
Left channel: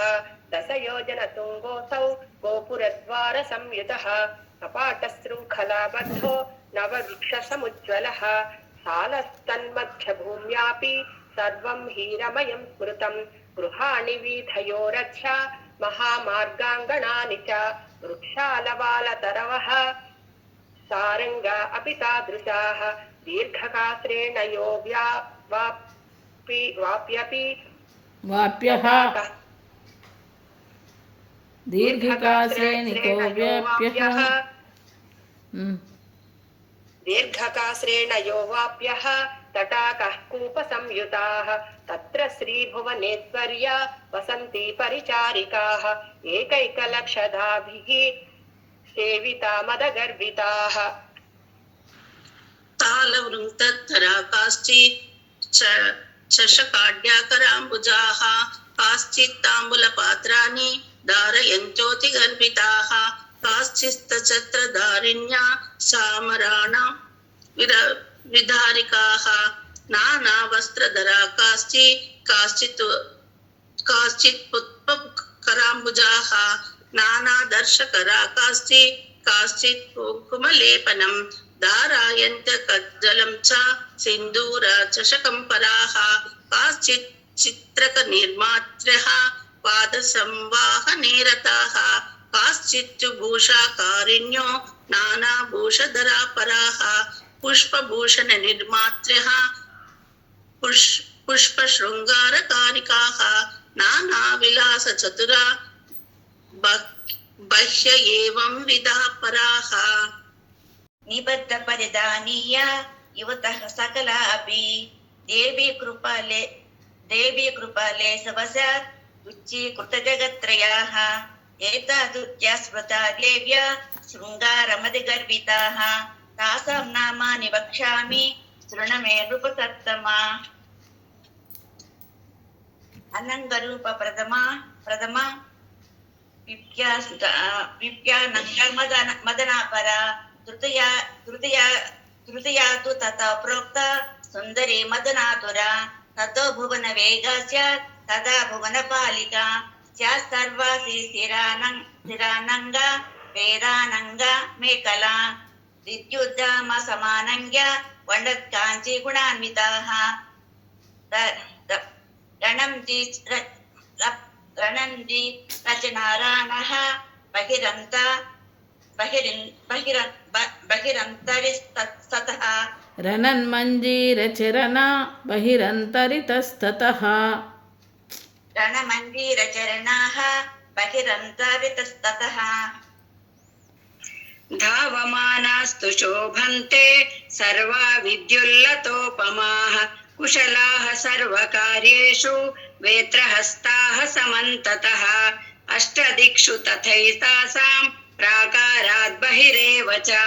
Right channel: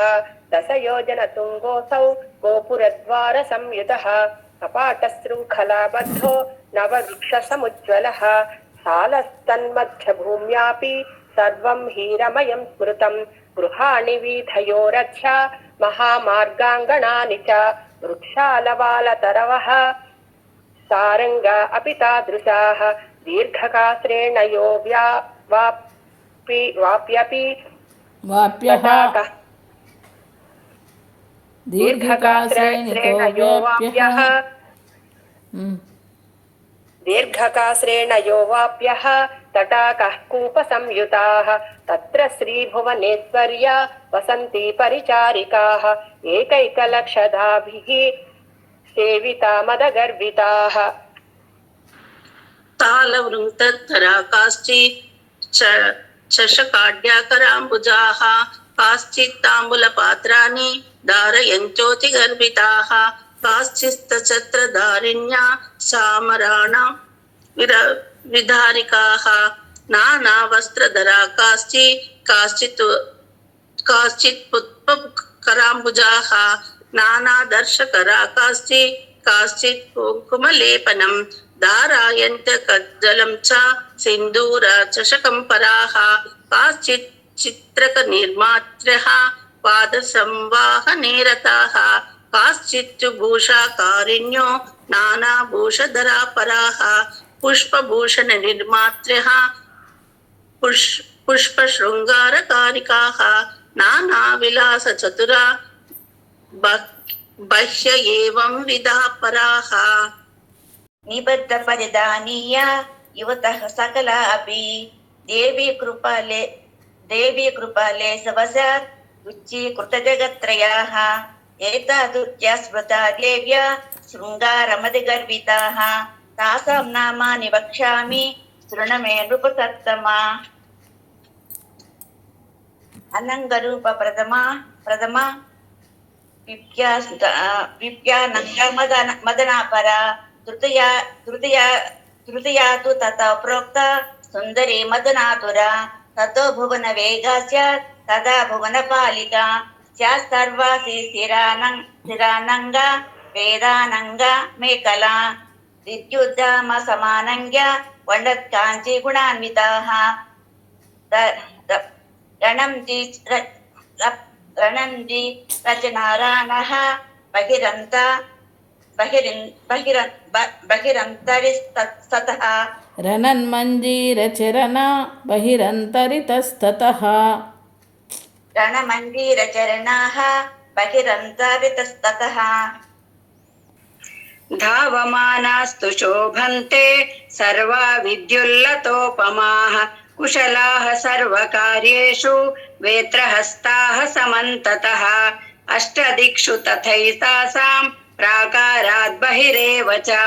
दशयोजनतुङ्गोऽसौ गोपुरद्वारसंयुतः कपाटशृङ्खलाबद्धो नववृक्षसमुज्ज्वलः सालस्तन्मध्यभूम्यापि सर्वं हीरमयं स्मृतं गृहाणि वीथयोरध्य महामार्गाङ्गणानि च वृक्षालवालतरवः सारङ्ग अपि तादृशाः दीर्घकाश्रेणयो वाप्यः दीर्घकाश्रेणयो वाप्यः तटाकः कूपसंयुताः तत्र श्रीभुवनेश्वर्या वसन्ति परिचारिकाः एकैकलक्षदाभिः सेविता मदगर्विताः तालवृन्तधरा काश्चित् चषकाढ्याकराम्बुजाः काश्चित् ताम्बूलपात्राणि धारयन्त्योतिगर्भिताः काश्चित्तछत्रधारिण्या सामराणां विधारिकाः नानावस्त्रधरा काश्चित् पुष्पकराम्बुजाः नानादर्शकरा काश्चित् कुङ्कुमलेपनं धारायन्त कज्जलं च सिन्दूर चषकं पराः काश्चित् चित्रकनिर्मात्र्यः पादसंवाहने रताः काश्चित् भूषाकारिण्यो नानाभूषधरा पराः पुष्पभूषणनिर्मात्र्यः पुष्पशृङ्गारकारिकाः नानाविलासचतुरा बह्य एवं विधाः पराः निबद्धपरिधानीया युवतः सकला अपि देवी कृपाले सवसात् उच्चीकृतजगत्त्रयाः एतादृत्या स्मृता देव्या शृङ्गारमधिगर्विताः तासां नामानि वक्ष्यामि शृणु मे नृपसत्तमा अनङ्गरूप प्रथमा विप्यानङ्ग मदनापरा तृतीया तु तथा प्रोक्ता सुन्दरी मदनातुरा ततो भुवनवेगा स्यात् तदा भुवनपालिका स्यात् सर्वासि स्थिरानङ्गा वेदानङ्गा मेखला विद्युद्धाम समानङ्ग्या वण्डत्काञ्ची गुणान्विताः रणञ्जी रचनाराणः बहिरन्तरिस्ततः रणन्मञ्जीरचरणा बहिरन्तरितस्ततः रणमञ्जीरचरणाः बहिरन्तरितस्ततः धावमानास्तु शोभन्ते सर्वा विद्युल्लतोपमाः कुशलाः सर्वकार्येषु वेत्रहस्ताः समन्ततः अष्टदिक्षु तथैतासां प्राकारात् बहिरेव च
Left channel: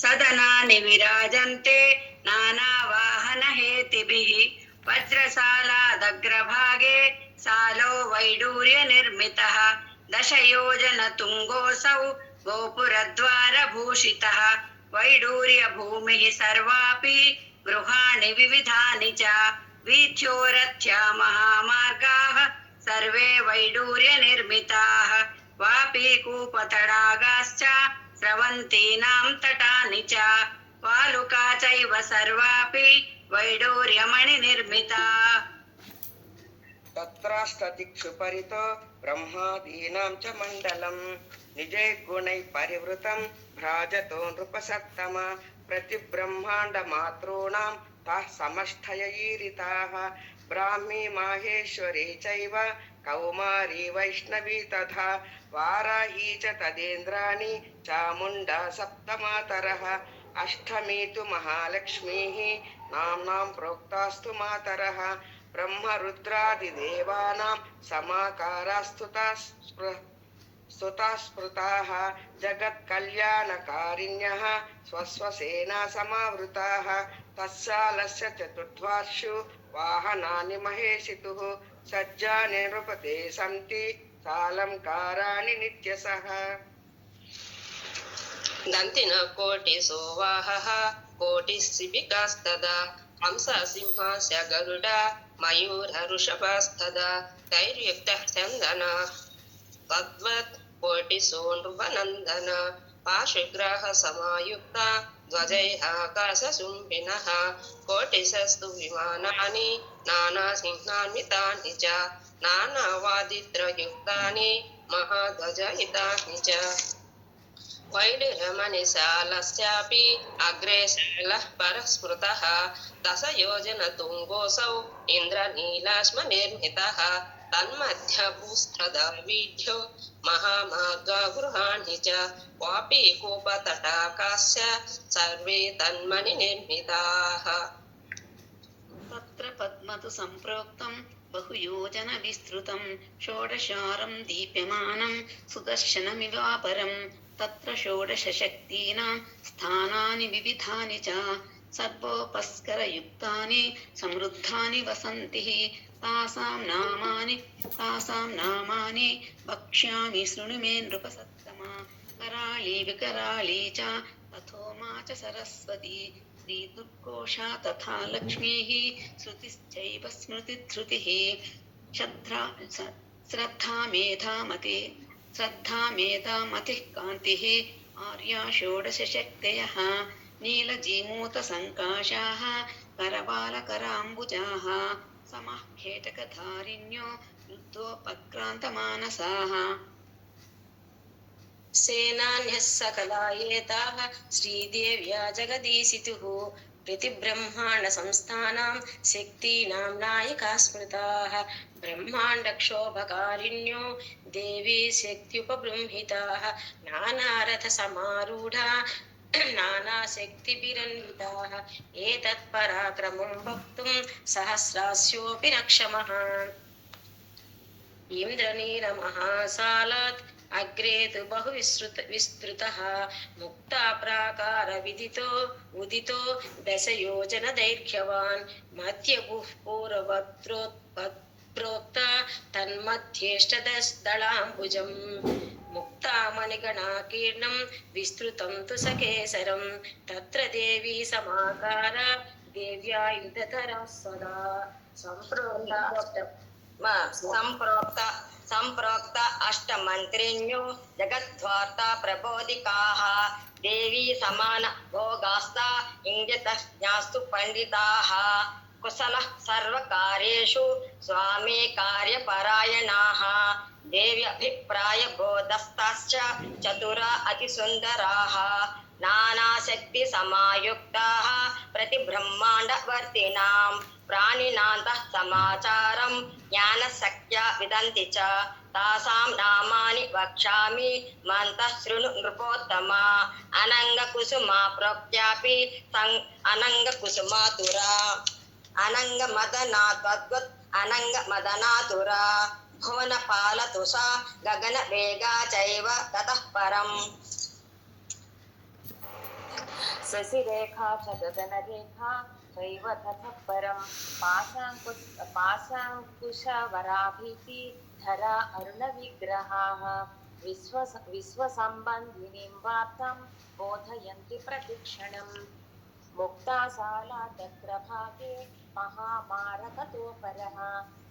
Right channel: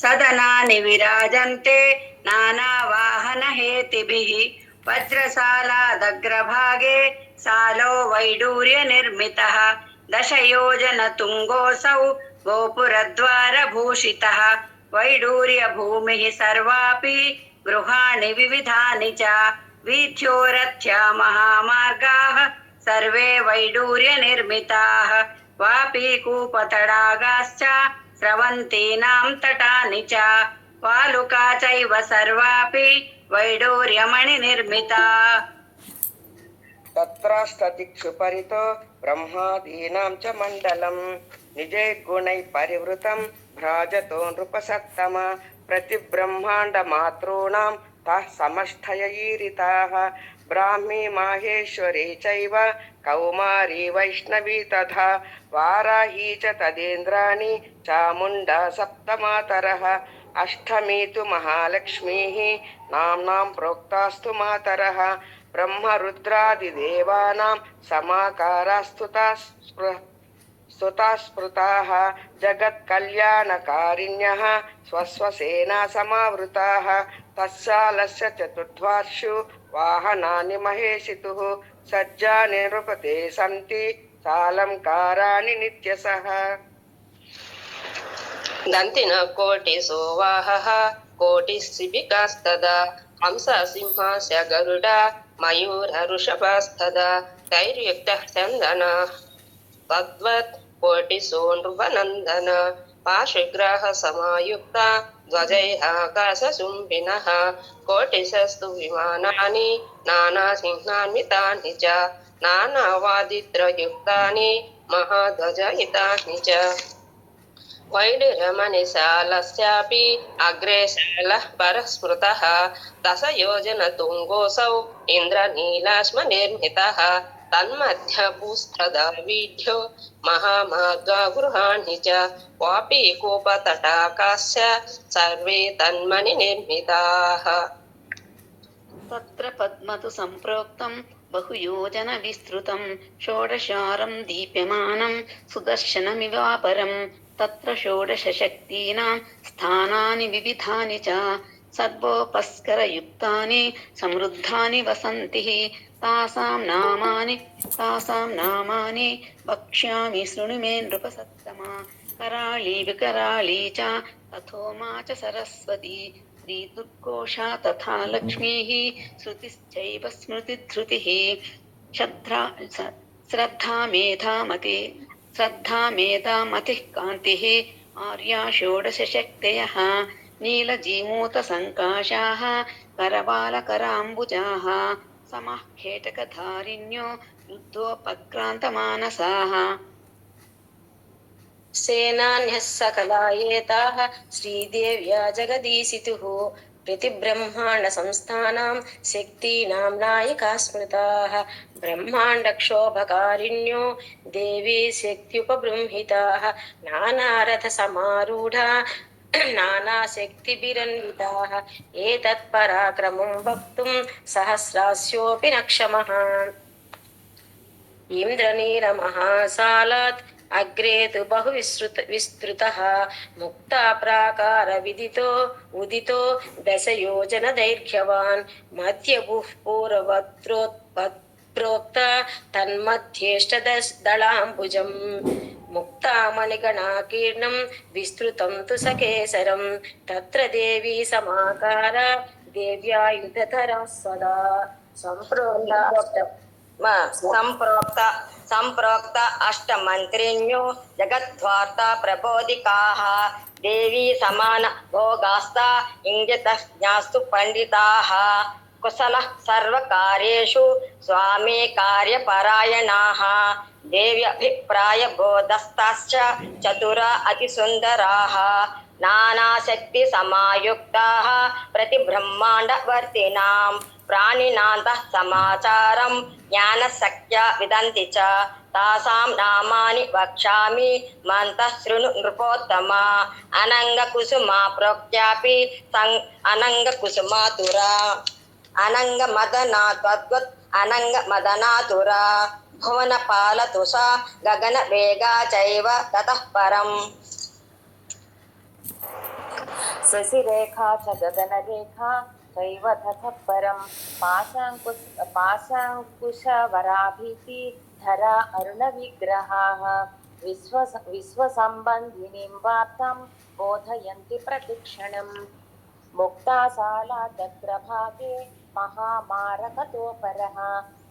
सदनानि विराजन्ते नानावाहनहेतिभिः वज्रसालादग्रभागे सालो वैडूर्यनिर्मितः दशयोजनतुङ्गोऽसौ गोपुरद्वारभूषितः वैडूर्यभूमिः सर्वापि गृहाणि विविधानि च वीथ्योरथ्या महामार्गाः सर्वे वैडूर्यनिर्मिताः वापीकूपतडागाश्च स्रवन्तीनां तटानि च वालुका चैव सर्वापि वैडूर्यमणिनिर्मिता तत्राष्टदिक्षु परितो ब्रह्मादीनां च मण्डलं निजैर्गुणैः परिवृतं भ्राजतो नृपसत्तम प्रतिब्रह्माण्डमातॄणां ताः समष्टयैरिताः ब्राह्मी माहेश्वरी चैव कौमारी वैष्णवी तथा वाराही च तदेन्द्राणि चामुण्डा सप्तमातरः अष्टमी तु महालक्ष्मीः नाम्नां प्रोक्तास्तु मातरः ब्रह्मरुद्रादिदेवानां समाकारास्तुताः स्मृताः जगत्कल्याणकारिण्यः स्वस्वसेना समावृताः तस्सालस्य चतुर्ध्वार्षु वाहनानि महेशितुः सज्जानि नृपते सन्ति सालंकाराणि नित्यशः दन्तिन कोटिसोवाहः कोटिशिबिकास्तदा हंससिंहस्य गरुडा मयूरऋषभस्तदा तैर्युक्तः चन्दनः तद्वत् कोटिसो नृपनन्दन पाशुग्राहसमायुक्ता ध्वजैः आकाशशुम्भिनः कोटिशस्तु विमानानि नानासिंहान्वितानि च नानावादित्रयुक्तानि महाध्वजयुतानि च वैडूर्यमणिशालस्यापि अग्रे शालः परस्मृतः दशयोजनतुङ्गोऽसौ इन्द्रनीलाश्मनिर्मितः तन्मध्यभूस्थदा वीढ्यो महामार्गा गृहाणि च वापीकूपतटाकाश्च सर्वे तन्मणिनिर्मिताः तत्र पद्मतु सम्प्रोक्तं बहुयोजन विस्तृतं षोडशारं दीप्यमानं सुदर्शनमिवापरं तत्र षोडशशक्तीनां स्थानानि विविधानि च सर्वोपस्करयुक्तानि समृद्धानि वसन्तिः तासां नामानि वक्ष्यामि शृणु मे नृपसत्तमा कराळी विकराळी च तथोमा च सरस्वती श्रीदुर्घोषा तथा लक्ष्मीः श्रुतिश्चैव स्मृतिधृतिः श्रद्धा मेधामतिः कान्तिः आर्या षोडशशक्तयः नीलजीमूतसङ्काशाः करवालकराम्बुजाः समः खेटकधारिण्यो युद्धोपक्रान्तमानसाः सेनान्यः सकला एताः श्रीदेव्या जगदीशितुः प्रतिब्रह्माण्डसंस्थानां शक्तीनां नायिका स्मृताः ब्रह्माण्डक्षोभकारिण्यो देवी शक्त्युपबृंहिताः नानारथसमारूढा नानाशक्तिभिरन्विताः एतत्पराक्रमं वक्तुं सहस्रास्योऽपि न क्षमः इन्द्रनीलमहासालात् अग्रे तु बहु विस्तृतः मुक्ता प्राकारविदितो उदितो दशयोजनदैर्घ्यवान् मध्यभूः पूर्ववक्त्रोक्त तन्मध्येष्टदलाम्बुजम् मुक्तामणिगणाकीर्णं विस्तृतं तु सकेसरं तत्र देवी समाकारा देव्या युधधरा सदा सम्प्रोक्त अष्टमन्त्रिण्यो जगद्वार्ता प्रबोधिकाः देवी समान भोगास्ता इङ्गितज्ञास्तु पंडिताः कुशलः सर्वकार्येषु स्वामी कार्यपरायणाः देव्यभिप्रायबोधस्ताश्च चतुरा अतिसुन्दराः नानाशक्तिसमायुक्ताः प्रतिब्रह्माण्डवर्तिनां प्राणिनान्तः समाचारं ज्ञानशक्त्या विदन्ति च तासां नामानि वक्ष्यामि मन्तः शृणु नृपोत्तमा अनङ्गकुसुमा प्रोक्त्यापि अनङ्गकुसुमातुरा अनङ्गमदना त्वद्वत् अनङ्गमदनातुरा भुवनपालतुषा गगनवेगा चैव ततः परम् शशिरेखा च गगनरेखा चैव ततः परं पाशाङ्कुशवराभीति धरा अरुणविग्रहाः विश्वसम्बन्धिनीं वार्तां बोधयन्ति प्रतिक्षणम् मुक्तासाला तत्रभागे महामारकतोपरः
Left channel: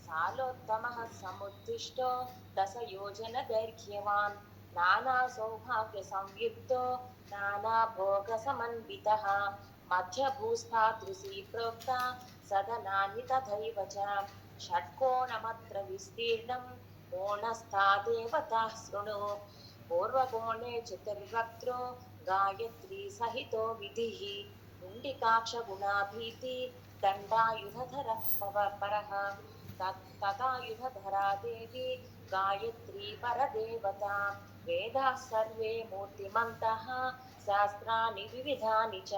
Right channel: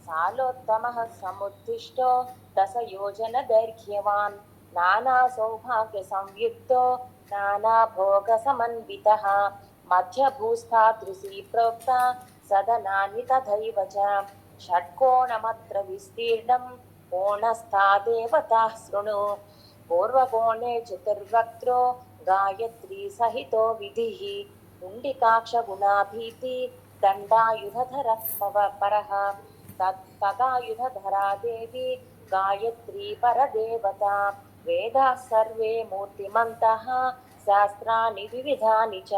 सालोत्तमः समुद्दिष्टो दशयोजनदैर्घ्यवान् नानासौभाग्यसंयुक्तो नानाभोगसमन्वितः मध्यभूस्थादृशी प्रोक्ता सदनानि तथैव च षट्कोणमत्र विस्तीर्णं कोणस्थादेवताः शृणु पूर्वकोणे चतुर्वक्त्रो गायत्री सहितो विधिः कुण्डिकाक्षगुणाभीति दण्डायुधधरः परः तदायुधधरा देवी गायत्री परदेवता वेदाः सर्वे मूर्तिमन्तः शास्त्राणि विविधानि च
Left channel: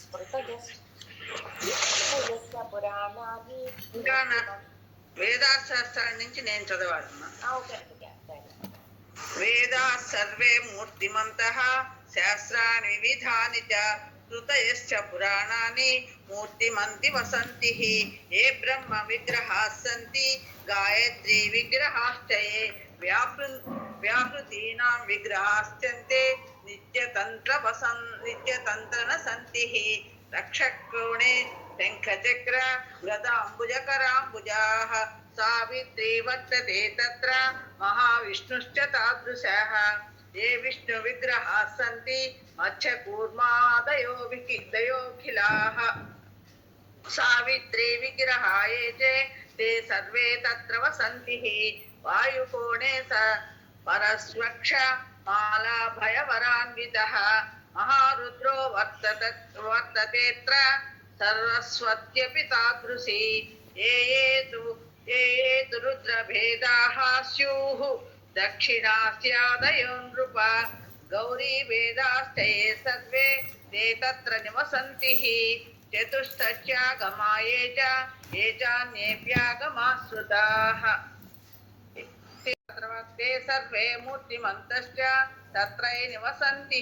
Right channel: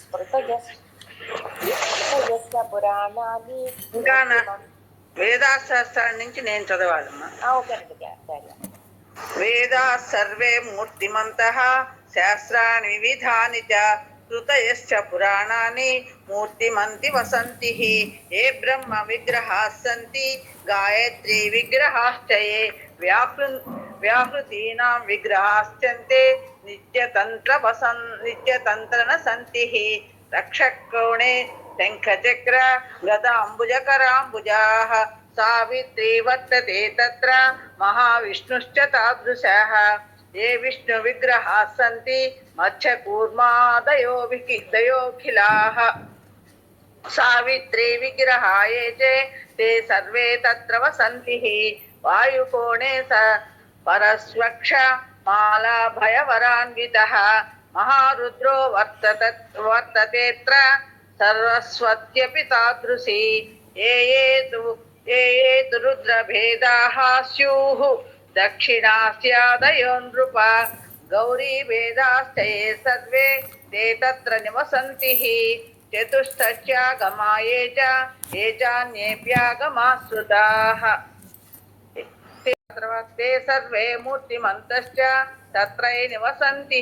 स्मृतयश्च पुराणानि ఇంకా వేదాశాస్త్రాల నుంచి నేను చదవాలమ్మా. వేదా సర్వే మూర్తిమంతః శాస్త్రాణి వివిధాని చ శ్రుతయశ్చ పురాణాని మూర్తిమంతి వసంతి ఏ బ్రహ్మ విగ్రహాः సంతి గాయత్రీ విగ్రహాశ్చ ఏ వ్యాహృతీనాం విగ్రహాశ్చంతే నిత్యతంత్రన సంతి రక్షకోణే శంఖచక్ర గదాంబుజకరాంబుజాః సావిత్రీ వర్తతే తత్ర మహావిష్ణుశ్చ తాదృశः ఏ విష్ణు విగ్రహాः సంతి మత్స్యకూర్మాదయోఖిలాः సావిత్రీ విగ్రహాయే తే సర్వే తత్ర వసంతి వాయుకోణే పరస్వక్ష మాలాభయవరాన్వితः మహారుద్రో వర్తతేత్ర సర్వస్వత్యపి తాదృశీ ఏ రుద్రభేదాः స్యుః దక్షిణాస్యాదయో నృప గౌరీ భేదాశ్చ ఏ సర్వే తే తత్ర నివసంతి చతుష్టస్యాగమాయే చ ఏ చాన్యేప్యాగమాశ్రుతాః ते सर्वे मूर्तिमन्तश्च तत्रै निवसन्ति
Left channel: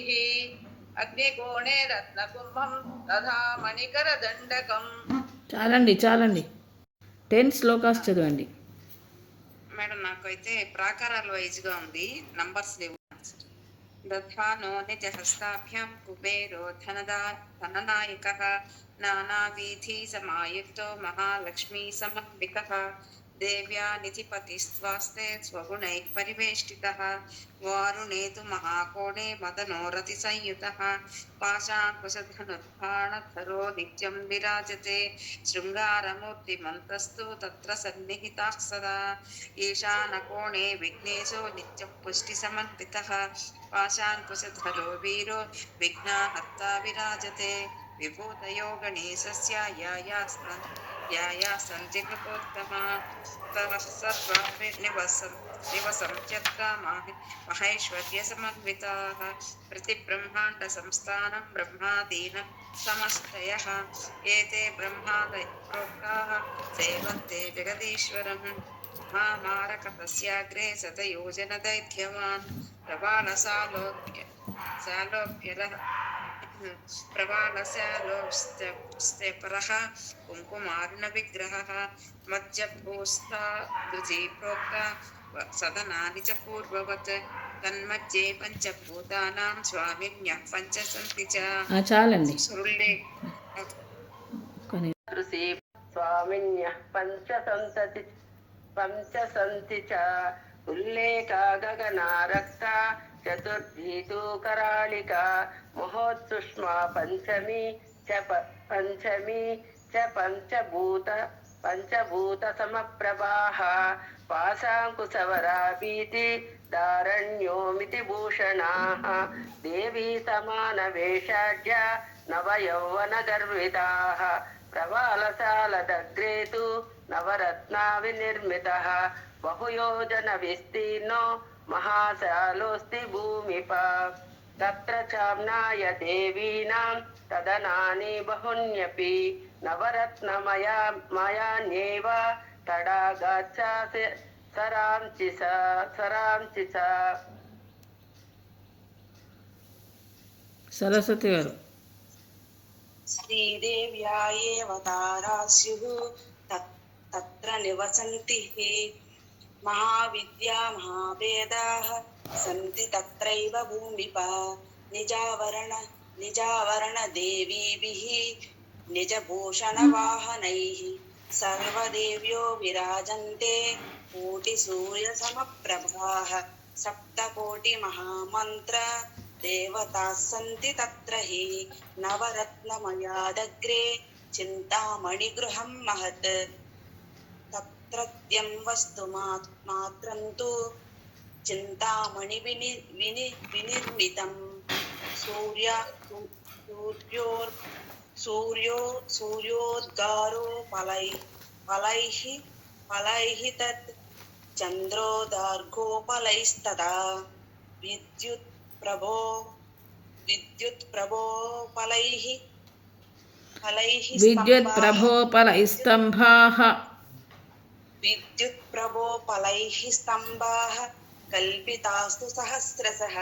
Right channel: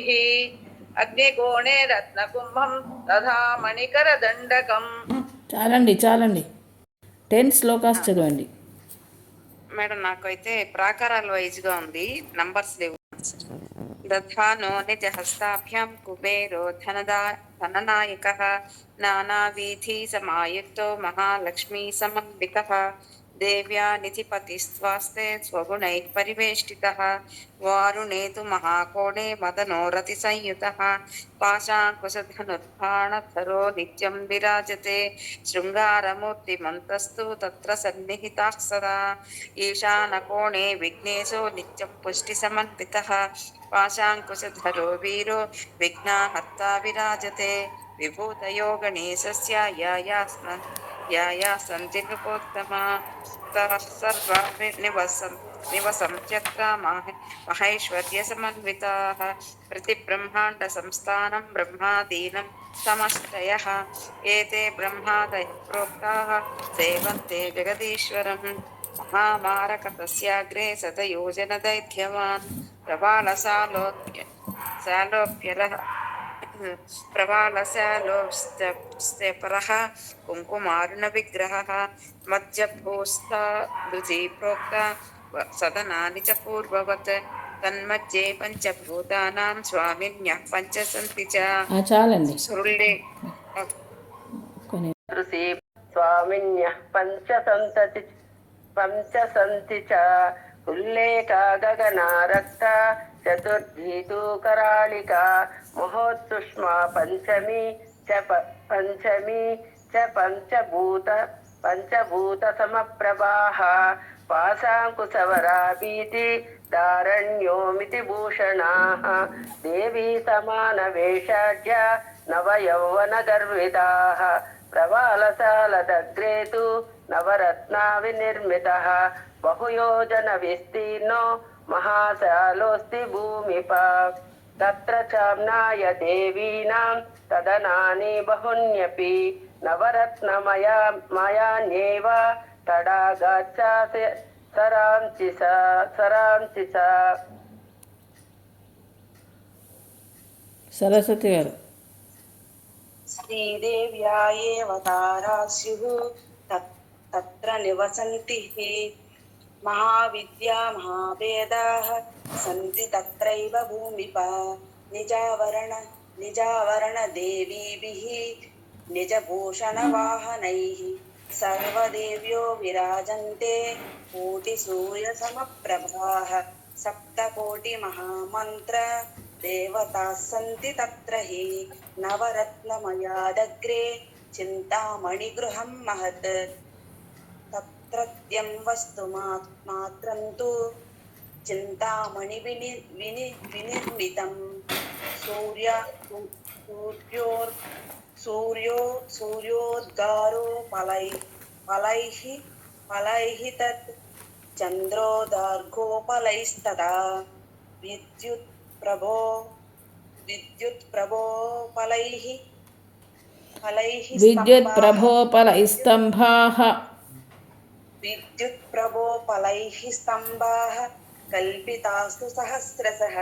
అగ్నికోణే రత్నకుంభం తథా మణికరదండకం. చాలండి 10 శ్లోకాస్ చదవండి మేడం. నాకైతే ప్రాకారాల వైజ్గా ఉంది, నంబర్స్ లేవు. దధ్వానో నిజహస్తాభ్యాం కుబేరో ధననాయకః నానావీథి సమాయుక్తో మహాలక్ష్మీ సమన్వితః దేవ్యా నిధిపతిస్వాస్తే స్వగుణైః పరివేష్టితః వారుణే తు మహాకోణే మదనో రతిసంయుతః పాశాంకుశధనుర్బాణధరో నిత్యం విరాజతే శృంగారమూర్తిమంతస్తు తత్ర సన్నిహితాః సదా ఈశానకోణే విఘ్నేశో నిత్యం పుష్టిసమన్వితః పాశాంకుశధరో వీరో విఘ్నహర్తా విరాజతే విభూతయో గణేశస్య యాయా సంతి నృపోత్తమా సర్వా నివసంత్యత్ర మహైశ్వర్య సమన్వితాః ప్రతిబ్రహ్మాండ సంస్థానం బ్రహ్మాదీనం సమస్తయః ఏతే బ్రహ్మాదయః ప్రోక్తాః సేవంతే జగదీశ్వరం మహామారక తస్యాగ్రే శతయోజన దైర్ఘ్యవాన్ ప్రవాళశాలోస్తపరః కుంకుమారుణ విగ్రహः మధ్యభూస్థాదుజీ ప్రోక్త సదనాని చ పూర్వవత్ తన్మధ్యే పంచభూతానాం స్వామిన్యః పంచసంతి చ. చాలండి. స్వామిన్యః పంచసంతి చ ఉల్లేఖా గగనారక్తా చతుర్ధీతు కరాళికా మహోత్సుష్మా పంచమీ చ పంచభూత సమప్రభాః పాశాంకుశవరాభీతి దారణ్యోమితి భూషణాః దేవీ సమాన వేషాఢ్య నవయౌవన గర్వితాః ప్రవాళశాలదగ్రే తు నవరత్నా వినిర్మితః బహుయోజన విస్తీర్ణో మహాశాలోస్తి భూమిప తత్ర చామ్నాయ దేవీనాం తదనాని బహున్యపి నవరత్నమయాన్యేవ తడాగాచ్చ సరాంచి సరస్వతి గారు श्रीदेव्या एव तारा स्युः तत्र निवसन्ति हि महाविद्या महावेदाः सन्ति तत्रैव भूमिपा निजावरणदेवीभिः निजभूषणवाहनैः सर्वदेव्यो विराजन्ते कोटिसूर्यसमप्रभाः सप्तकोटिमहामन्त्र देवताः सन्ति तत्र हि नवरत्नमयादग्रे चिन्तामणिगृहं महत् तत्रत्यं वस्तु मात्रं तु चिन्तामणि विनिर्मितं सूर्योद्गारो फलैः तत् चन्द्रोदार्घोपलैस्तदा विद्युत्प्रभोपलैः स्तम्भाः कल्पितास्तु सहस्रशः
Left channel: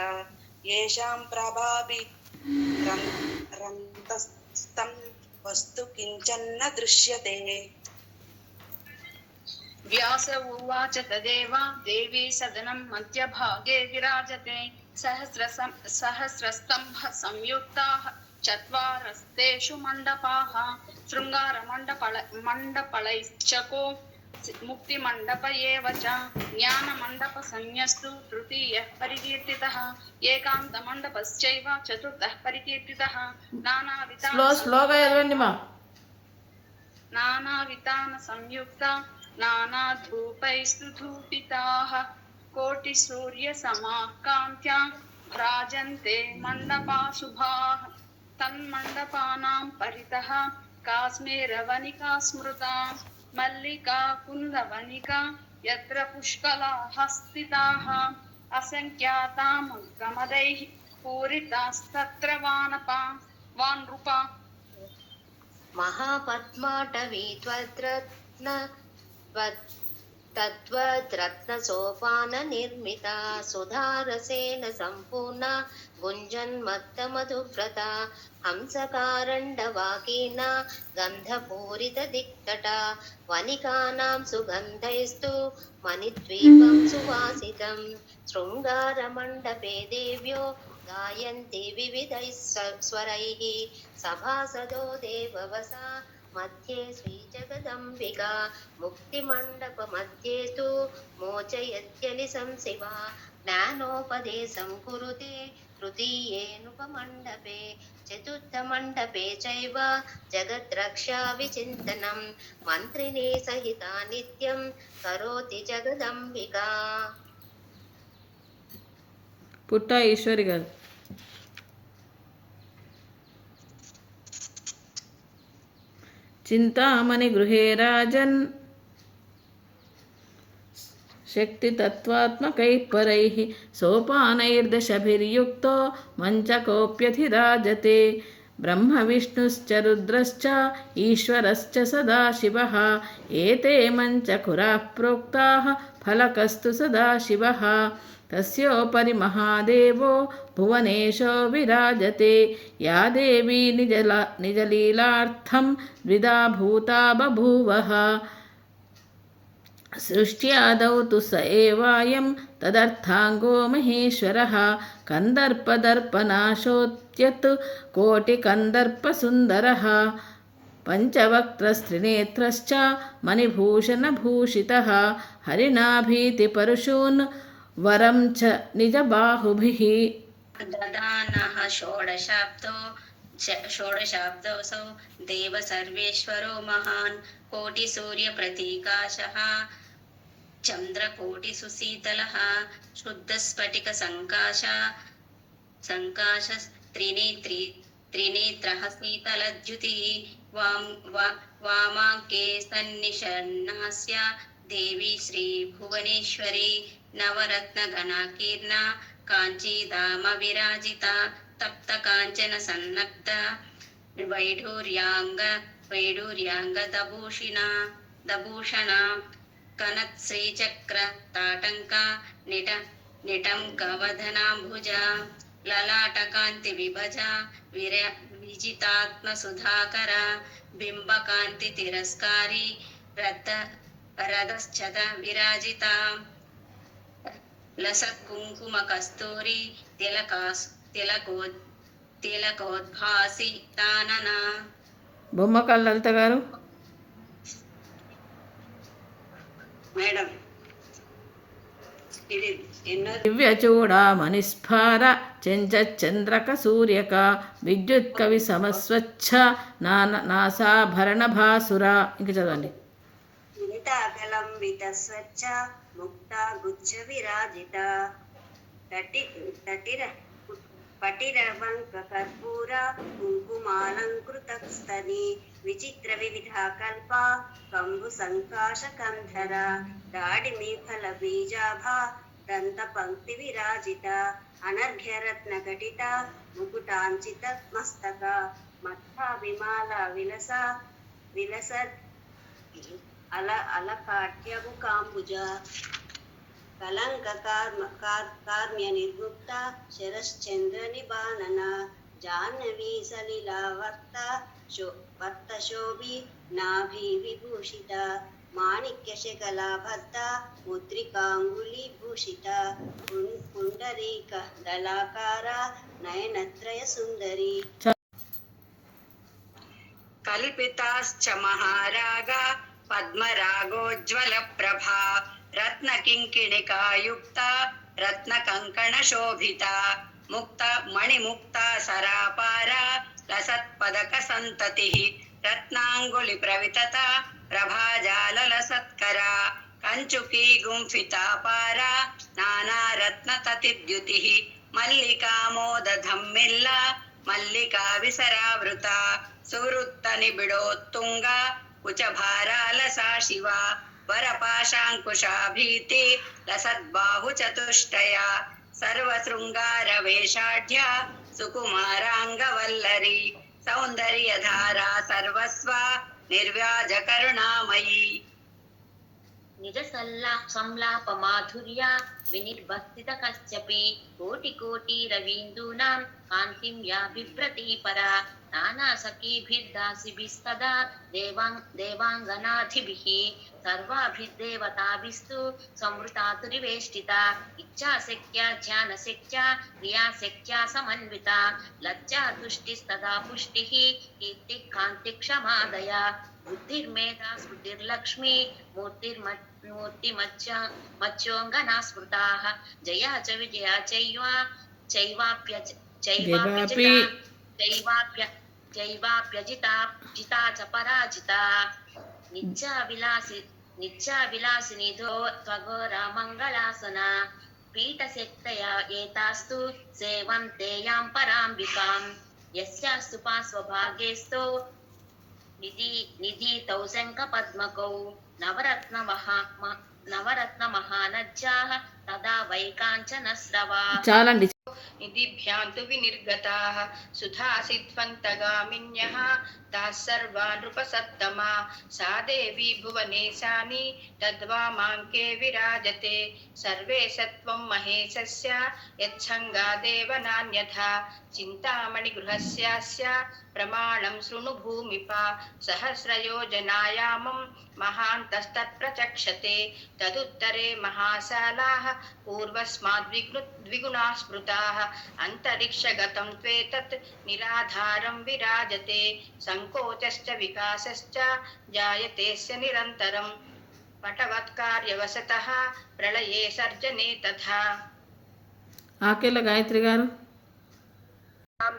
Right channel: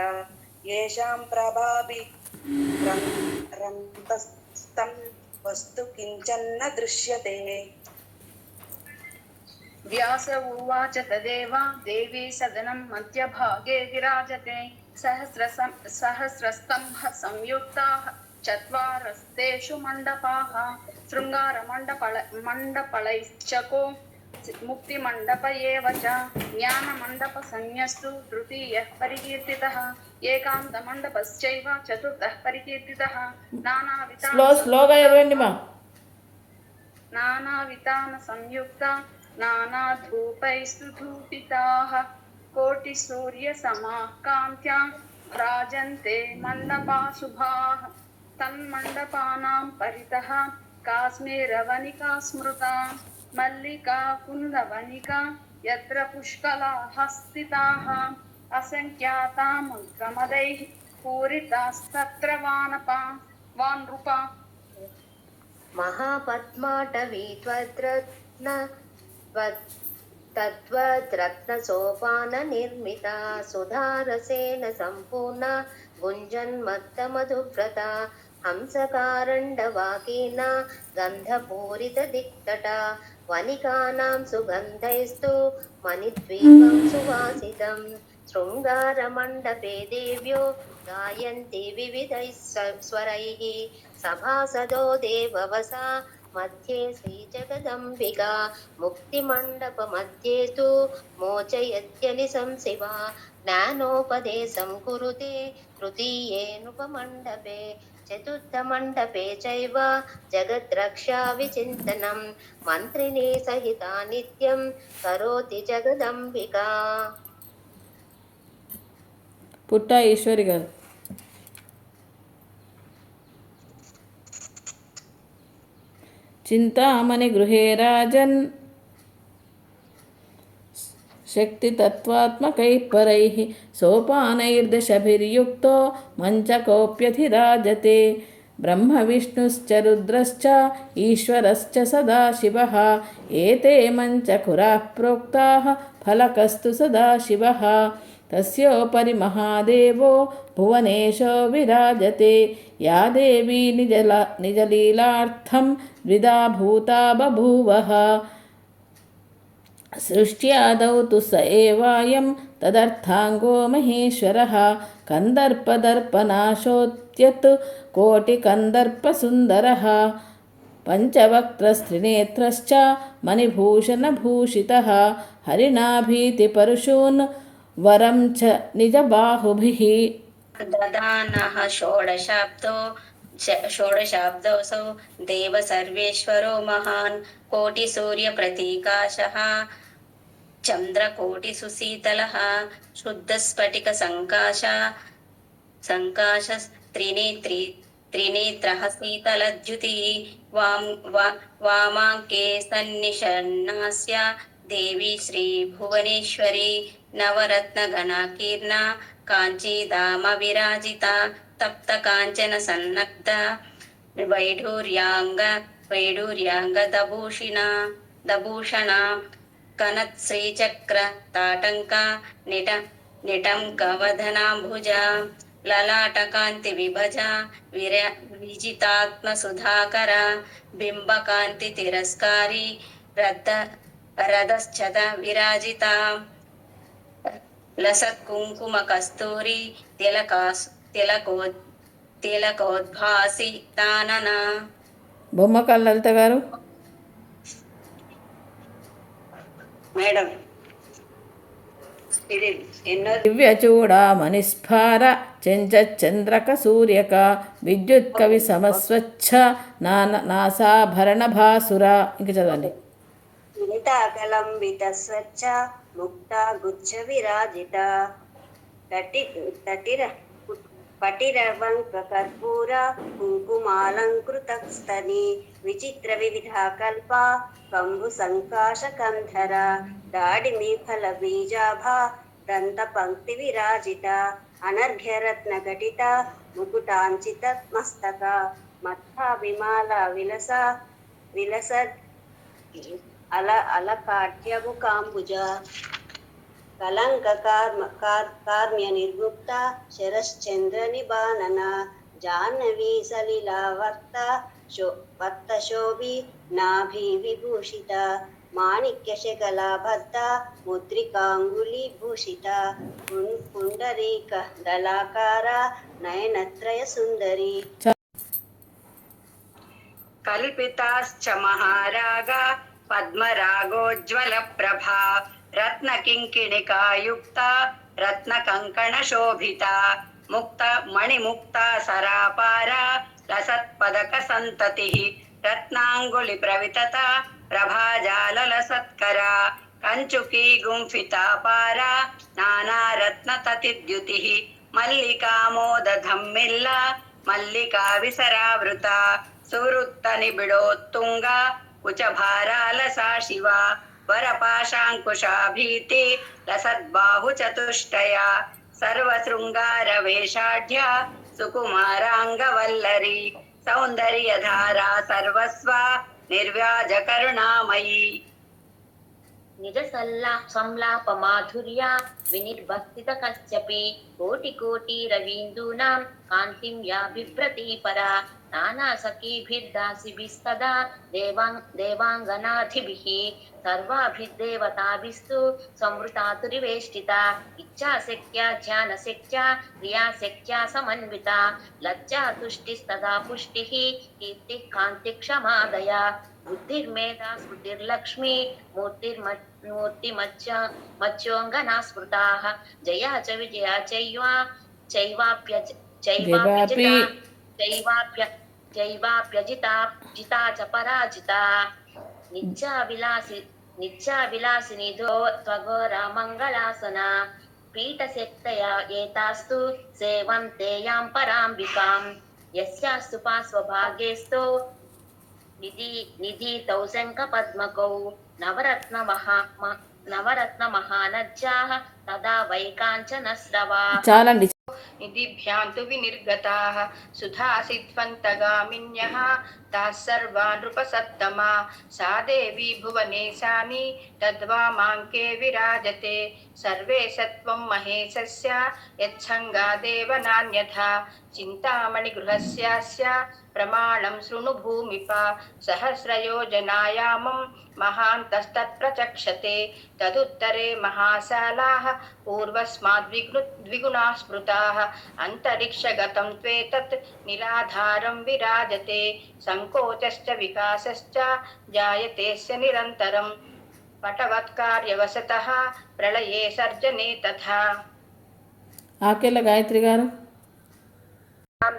येषां प्रभाभिरन्तस्तं वस्तु किञ्चन दृश्यते व्यास उवाच तदेव देवी सदनं मध्यभागे विराजते सहस्रस्तंभ संयुक्ताः चत्वारस्तेषु मण्डपाः शृङ्गारमण्डपलैश्चको मुक्तिमण्डप एव च ज्ञानमण्डपसंज्ञस्तु तृतीयः परिकीर्तितः एकान्तमण्डपश्चैव चतुर्थः परिकीर्तितः नानावितान संयुक्ता नानाधूपैस्तु धूपिताः कोटिसूर्यसमाः कान्त्या भ्राजन्ते मण्डपाशुभाः तन्मण्डपानां परितः काश्मीरवनिका स्मृता मल्लिका कुन्दवनिका यत्र पुष्कलाः स्थिताः असङ्ख्यातामगमदैः पूरितास्तत्र वानृपा महापद्माटवी तद्वद्रत्नसोपाननिर्मिता सुधारसेन सम्पूर्णा गुञ्जन्मत्तमधुव्रता हंसकारण्डवाकीना गन्धपूरितदिक्तटा वनिकानां सुगन्धैस्तु मणिद्वीपं सुवासितं शृङ्गारमण्डपे देव्यो गायन्ति विविधैः स्वरैः सभासदो देववसा मध्ये श्रीजगदम्बिका मुक्तिमण्डपमध्ये तु मोचयत्यलिसंशिवा ज्ञानोपदेशं कुरुते तृतीयेऽनुपमण्डपे चतुर्थमण्डपे चैव जगद्रक्षा विचिन्तनं मन्त्रिणी सहिता नित्यं करोति जगदम्बिका పుట్ట ఈశ్వరి గారు. చింతామణి గృహే రాజన్ शक्तितत्त्वात्मकैः परैः सोपानैर्दशभिर्युक्तो मञ्चकोऽप्यधिराजते ब्रह्मविष्णुश्च रुद्रश्च ईश्वरश्च सदाशिवः एते मञ्चकुराः प्रोक्ताः फलकस्तु सदाशिवः तस्योपरि महादेवो भुवनेशो विराजते या देवी निजलीलार्थं द्विधा भूता बभूवः सृष्ट्यादौ तु स एवायं तदर्थाङ्गो महेश्वरः कन्दर्पदर्पनाशोऽत्यत् कोटिकन्दर्पसुन्दरः पञ्चवक्त्रस्त्रिनेत्रश्च मणिभूषणभूषितः हरिणाभीतिपरुशून् वरं च निजबाहुभिः ददानः षोडशाब्दोऽसौ देव सर्वेश्वरो महान् कोटिसूर्यप्रतीकाशः चन्द्रकोटिसुशीतलः त्रिनेत्रः शीतलद्युतिः वामाङ्के सन्निषण्णास्य देवी श्रीभुवनेश्वरी नवरत्नगणाकीर्णा काञ्चीधाम विराजिता तप्तकाञ्चन सन्नग्धा वैढूर्याङ्गदभूषणा कनत्श्रीचक्र ताटङ्का निटङ्कवदनाम्बुजा లలాటకాంతి విభజ విజితాత్మసుధాకర బింబకాంతి తిరస్కారి రథశ్చద విరాజిత లసత్కుంకుమ కస్తూరి తిలకోద్భాసి తానన. బొమ్మకాల లలిత గారు. మేడం ఇది ఎన్నో దివ్యచూడామణిస్ఫార చెంచంద్రక సూర్యక విద్యుత్ కవి సమస్వచ్ఛ నాసాభరణ భాసుర. ఇంక చదవండి. వినితాకలంబిత స్వచ్ఛ ముక్త గుచ్చ విరాజిత పటిరవంక కర్పూర కుంకుమాలంకృతస్తని విచిత్ర వివిధాకల్ప కంబు సంకాశ కంధర దాడిమి ఫల బీజాభా దంత పంక్తి విరాజిత అనర్ఘ్యరత్న ఘటిత ముకుటాంచిత మస్తక మత్థా విమాల విలస అలకాట్యముకాంబుజ కలంక కార్మ్య నిర్ముక్త శరశ్చంద్ర నిబానన జాహ్నవీ సలిలావర్త శోభి నాభి విభూషిత మాణిక్య శకలాభద్ద ముద్రికాంగులి భూషిత పుండరీక దళాకార నయనత్రయ సుందరి కల్పితాశ్చ మహారాగా పద్మరాగోజ్వల ప్రభా రత్న కింకిణికాయుక్త రత్న కంకణ శోభిత ముక్త మణిముక్త సరాపార లసత్పదక సంతతి రత్నాంగులి ప్రవితత ప్రభాజాలల సత్కర కంచుకీ గుంఫితాపార నానారత్న తతిద్యుతి మల్లికామోదధమ్మిల్ల మల్లికా విసరావృత సువృత్త నిబిడోత్తుంగ కుచభారాల సాశివ వరపాశాంకుశాభీతి లసద్బాహు చతుష్టయ సర్వశృంగార వేషాఢ్య సుకుమారాంగవల్లరి సౌందర్యధారా సర్వస్వ నిర్వ్యాజ కరుణామయీ నిజ సంలాప మాధుర్య వినిర్భక్తిత కశ్యపి కోటి కోటి రవీందూనాం కాంతిం యా బిభ్రతి పరా నానా సఖీభిర్దాసిభిస్తదా దేవాంగనాధిభిః సర్వాభిర్దేవతాభిస్తు సంవృతాతురివేష్టిత ఇచ్ఛాశక్త్యా ధ్యానశక్త్యా క్రియాశక్త్యా సమన్విత లజ్జా తుష్టిస్తదా పుష్టిః కీర్తిః కాంతి క్షమాదయ బుద్ధిర్మేధా స్మృతిర్లక్ష్మీ మూర్తిమత్యోంగనా స్మృతాః జయా చ విజయా జితా చ పరాజితా నిత్యావిలాసినిధో త్వఘోరా మంగళాసన పీఠశక్తయా ఏతాస్తు సేవంతేయాం పరాంబికాం యస్యాస్తు పార్శ్వభాగేస్తో నిధీతౌ శంఖ పద్మకౌ నవరత్న మహానజ్జాః తదా వైకాంచనస్రవా. చాలండి. నిధిభ్యాంతు వినిర్గతాః సుధాసిధ్వంతగామిన్యః తాః సర్వా నృపసత్తమా సా దేవీ భువనేశాని తద్వామాంకే విరాజతే సర్వే సత్వం మహేశస్య యచ్ఛంగా దేవ నాన్యథా చింతామణి గృహస్యాస్య ప్రమాణం శృణు భూమిప సహస్రయోజనాయామం మహాంతస్తత్ప్రచక్షతే తదుత్తరే మహాశాలాః పూర్వస్మాద్విగుణా స్మృతాః అంతరిక్షగతం త్వేతత్ నిరాధారం విరాజతే సంకోచశ్చ వికాసశ్చ జాయతేస్య నిరంతరం పటవత్కార్యవశతః ప్రళయే సర్జనే తథా. ఆకేళ్ళ గాయత్రి గారు.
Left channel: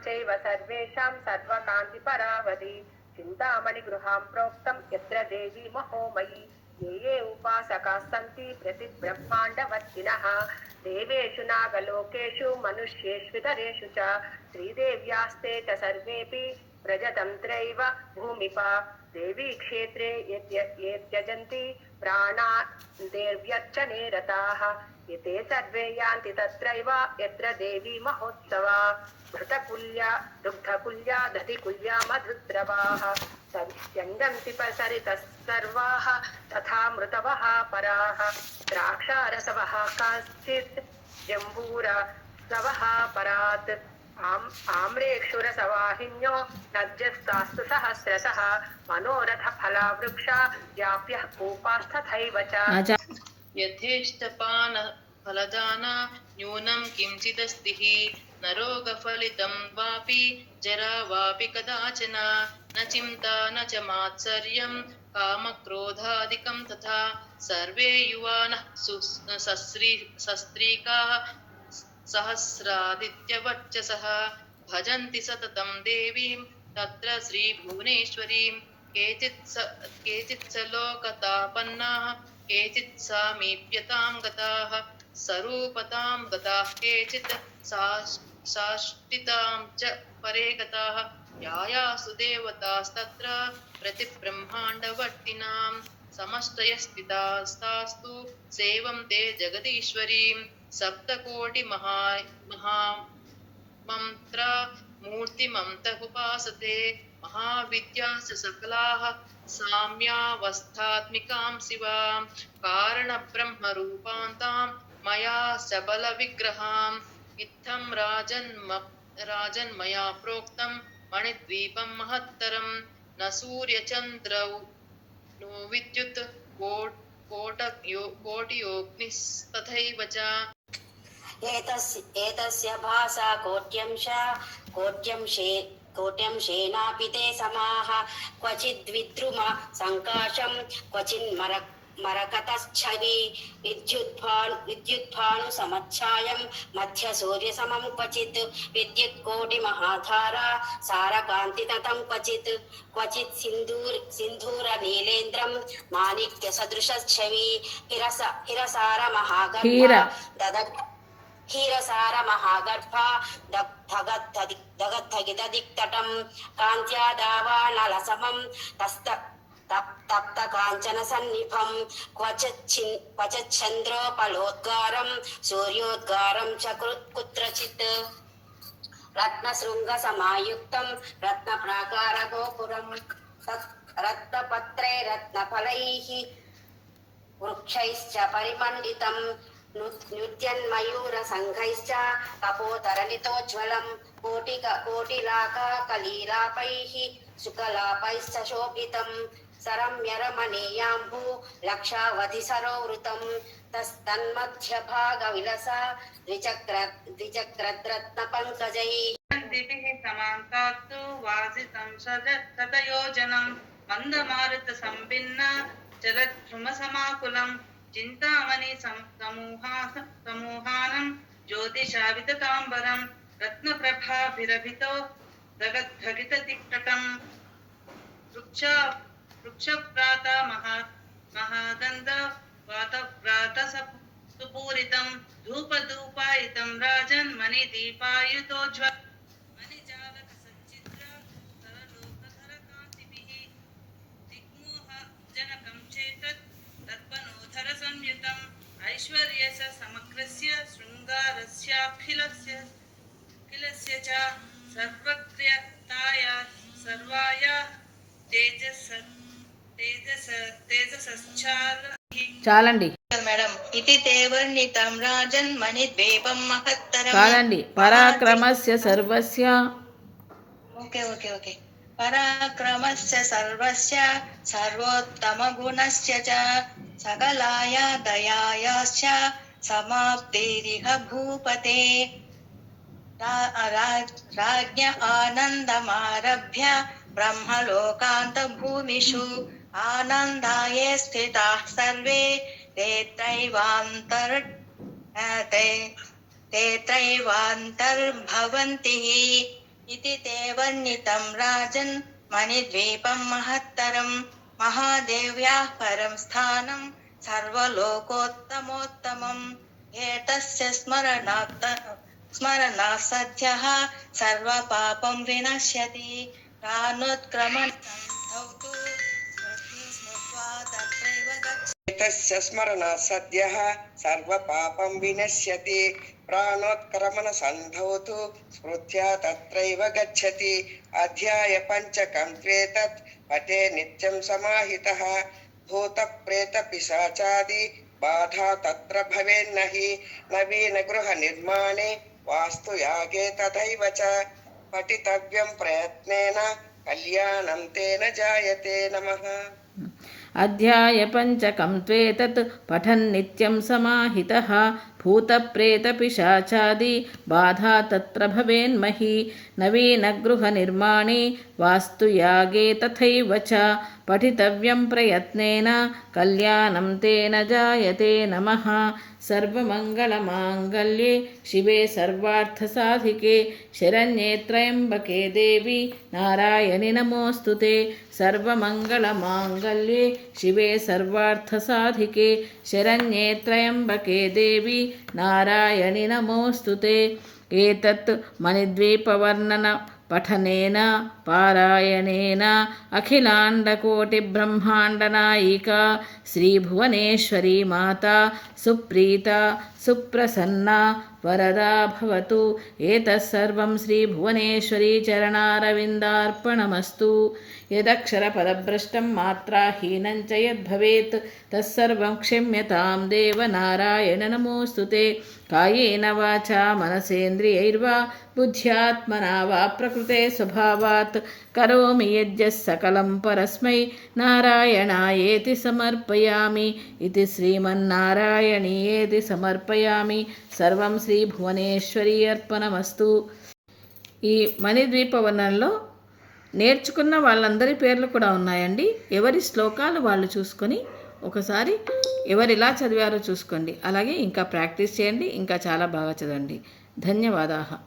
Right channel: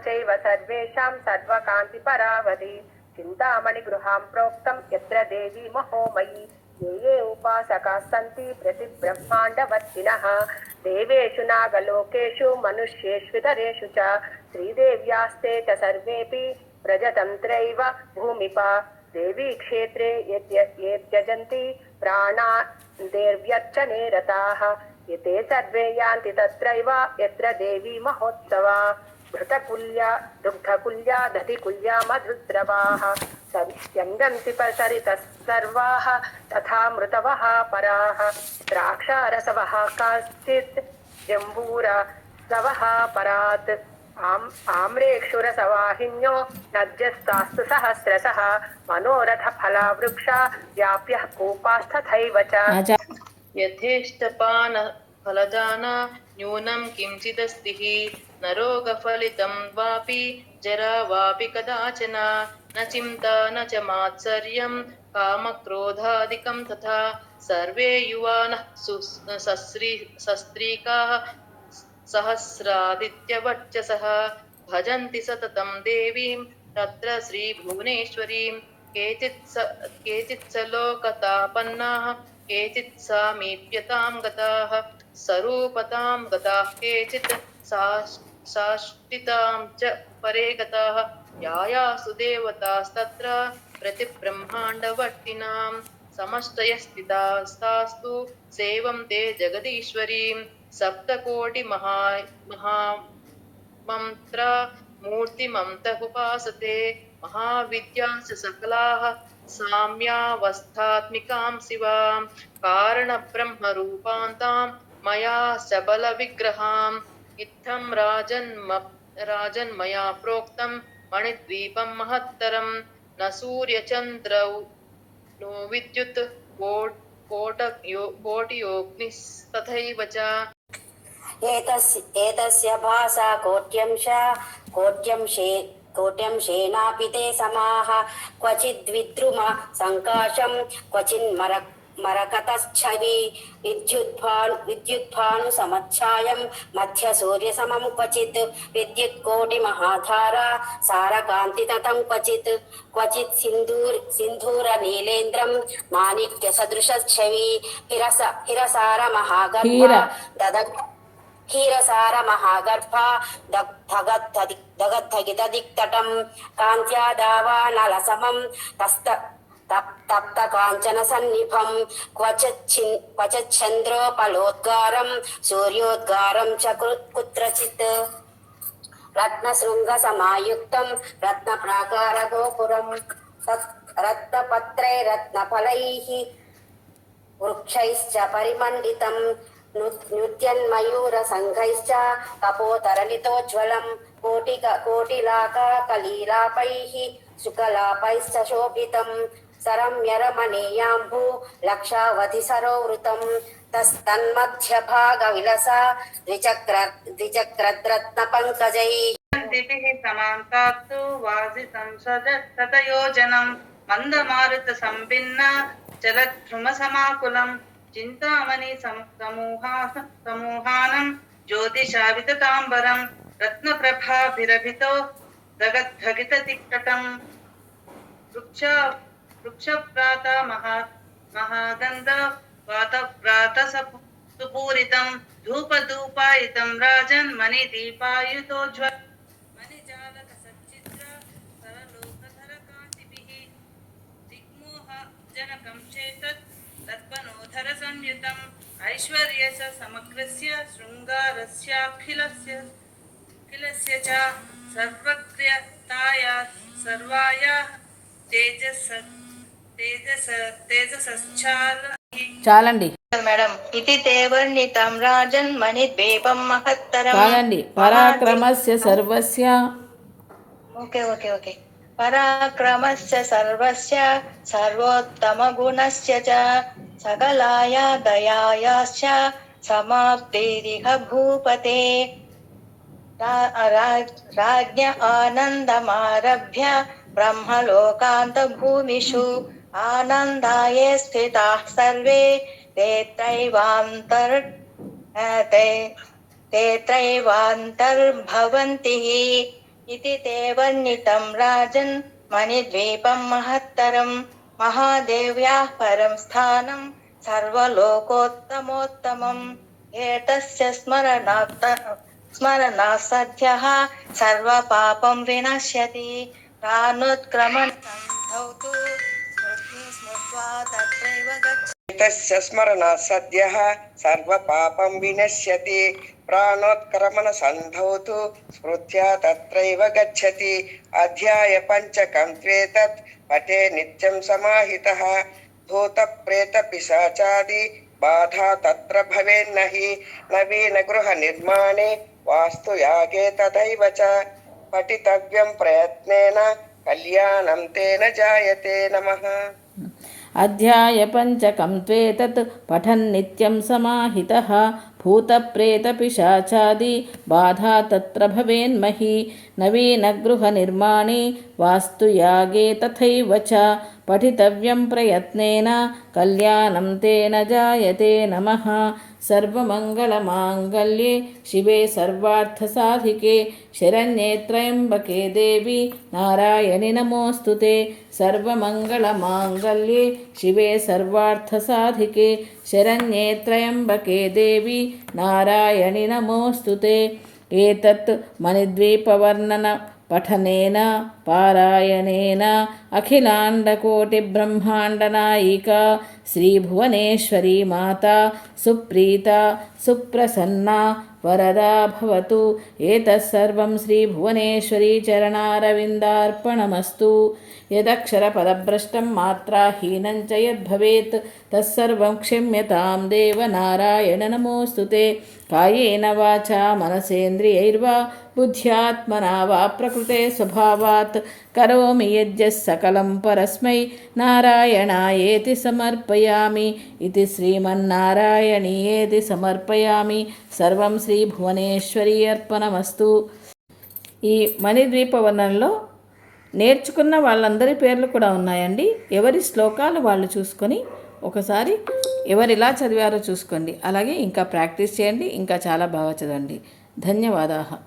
చైవ సర్వేషాం సర్వకాంతి పరావతి చింతామణి గృహాం ప్రోక్తం యత్ర దేవీ మహోమయీ ఏ ఏ ఉపాసకాః సంతి ప్రతి బ్రహ్మాండవర్తినః దేవేషు నాగలోకేషు మనుష్యేష్వితరేషు చ శ్రీదేవ్యాస్తే చ సర్వేపి ప్రజతంత్రైవ భూమిప దేవీ క్షేత్రే యత్యజంతి ప్రాణాదేర్వ్యర్చనే రతాః ఎతే సర్వే యాంతి తత్రైవ యత్ర దేవీ మహోత్సవా ఘృతకుల్యా దుగ్ధకుల్యా దధికుల్యా మధుద్రవాః సంగంతి పరితః సర్వాః తథా మృతవః పరాః ద్రాక్షారసవః కాశ్చిత్ सवः परात् आम्रेक्षुरसवाहिन्यो नद्यस्तास्तु सहस्रशः मनोरथफलावृक्षा व्याप्यः कूपास्तथैव च यथेष्टपान फलदाना न्यूनं किंचिदस्ति हि न रोगफलितं वापि जरा वापि कदाचन न चिन्ता न च मात्सर्यं कामक्रोधादिकं तथा सर्वे युवानः सस्त्रीकाः सहस्रादित्यवर्चसः भजन्ति सततं देवीं तत्र श्रीभुवनेश्वरीं केचित् लोकतापन्नाः केचित् सामीप्यतां गताः स्वरूपतां गताः केचित् साष्टितां च परे गताः यायासु देवतास्तत्र प्रतिब्रह्माण्डवर्तिनां समस्तयस्थितास्तास्तु सेवं ते जगदीश्वरीं सप्तकोटिमहामन्त्र मूर्तिमन्तः उपासते महाविद्याश्च सकलाः साम्यावस्थात्मिकां शिवां कारणब्रह्मरूपान्तां मया सबलविग्रहाम् इत्थं राजन् मया प्रोक्तं मणिद्वीपं महत्तरं न सूर्यचन्द्रौ नो विद्युत् कोटियोऽग्निस्तथैव च एतस्य भासा कोट्यंशेनापि ते समाः क्वचिद्विद्रुम सङ्काशं क्वचिन्मरकतच्छरी विद्युत्भानुसमच्छायं मध्यसूर्यसमं क्वचित् विद्युत्कोटिमहाधारा सारकान्तिततं क्वचित् सिन्धूरनीलेन्द्रं माणिक्यसदृशच्छवी क्षीरसारमहागर्भा दगद्धगितदिक्तटं कान्त्यादावानलसमं तप्तकाञ्चनसन्निभं क्वचिच्छन्द्रोपलोद्गारं सूर्योद्गारं च कुत्रचित् रत्नशृङ्गसमायुक्तं रत्नप्राकारगोपुरं रत्नपत्रे रत्नफलैः वृक्षैश्च परिमण्डितं नृत्यन्मयूरसङ्घैश्च कपोतरलितोज्ज्वलं कोटिलाककलीलापैः शुकलापैश्च शोभितं सरम्यरमणीयाम्बु लक्षावधिसरोवृतं तन्मध्यभागविलसा द्विचक्रद्रत्नपङ्कजैः दिभिः समान्तात्तु वासितं शतयोजनं मन्दमारुतसम्भिन्न जलद्रुमसमाकुलं चिन्तामणि समूहानं ज्योतिषावितताम्बरं रत्नप्रभाभिरभितो जगद्धगितदिक्टटं वृक्षप्राता महागन्ध वातप्रातसुपूरितं धूपधूपायितं राजन् मणिदीपायुतोज्ज्वल मणिजालकसच्चित्र सरलोकधरकान्तिभिः दिग्मोहजनकं चेतत् तद्वनोधरसंयुतम् ऐश्वर्यस्य समग्रस्य शृङ्गारस्याखिलस्य च सर्वज्ञताया सर्वायाः చాలండి మేడం ఇది దేవర్ణితం రాజన్ మణిద్వీపం మహత్తరం కాదండి పరాక్రమస్య సర్వస్య ఓకే పరాక్రమస్య సర్వస్య సర్వోత్తమగుణస్య చ సకలాయ దయాయాశ్చ సమాప్తిరిహ భూపతే राज्ञ आनन्दमारभ्य ब्रह्मलोकान्तभूमिषु आनन्दाये स्थिताः सर्वे ते त्रैवान्तर्भवन्ति इति ते वर्णितं राजन् मणिद्वीपं महत्तरं महादेव्याः परं स्थानं सर्वलोकोत्तमोत्तमम् एतस्य स्मरणात् सद्यः सर्वपापं विनश्यति प्राणोत्क्रमणसन्धौ स्मृत्वा तत्रैव गच्छति तस्य स्मरणात् सद्यः सर्वपापं विनश्यति प्राणोत्क्रमणसन्धौ तु स्मृत्या तत्रैव गच्छति अध्याय पञ्चकं त्वेतत् पठे नित्यं समाहितः भूतप्रेतपिशाचादि बाधा तत्र भवेन्न हि नवीनगृहनिर्माणे వాస్తు యాగే తథైవ చ పఠితవ్యం ప్రయత్నేన కళ్యాణం తేన జాయతే నమః. అధ్యాయ పంచకం త్వేతత్ పఠన్ నిత్యం సమాహితః భూతప్రేతపిశాచాది బాధా తత్ర భవేన్మహి నవీన గృహ నిర్మాణే వాస్తుయాగే తథైవ చ పఠితవ్యం ప్రయత్నేన కళ్యాణం తేన జాయతే నమః. సర్వమంగళమాంగళ్యే శివే సర్వార్థసాధికే శరణ్యే త్రయంబకే దేవి నారాయణి నమోస్తుతే. సర్వమంగళమాంగళ్యే శివే సర్వార్థసాధికే శరణ్యే త్రయంబకే దేవి నారాయణి నమోస్తుతే. ఏతత్ మణిద్వీపవర్ణన పఠనేన పారాయణేన అఖిలాండకోటిబ్రహ్మాండనాయికా శ్రీభువనేశ్వరీ మాతా సుప్రీత సుప్రసన్నా వరదా భవతు. ఏతత్సర్వం శ్రీభువనేశ్వరీ చరణారవిందార్పణమస్తు. యదక్షరపదభ్రష్టం మాత్రాహీనం చ యద్భవేత్ తత్సర్వం క్షమ్యతాం దేవ నారాయణ నమోస్తుతే. కాయేన వాచా మనసేంద్రియైర్వా బుద్ధ్యాత్మనా వా ప్రకృతే స్వభావాత్ కరోమి యజ్జత్ సకలం పరస్మై నారాయణాయేతి సమర్పయామి. ఇది శ్రీమన్నారాయణీయేతి సమర్పయామి. సర్వం శ్రీభువనేశ్వరీ అర్పణమస్తు. ఈ మణిద్వీపవర్ణంలో నేర్చుకున్న వాళ్ళందరి పేర్లు కూడా ఉన్నాయండి. ఎవరి శ్లోకాలు వాళ్ళు చూసుకొని ఒకసారి ఎవరిలా చదివారో చూసుకోండి. అలాగే ఇంకా ప్రాక్టీస్ చేయండి. ఇంకా చాలా బాగా చదవండి. ధన్యవాదాలు.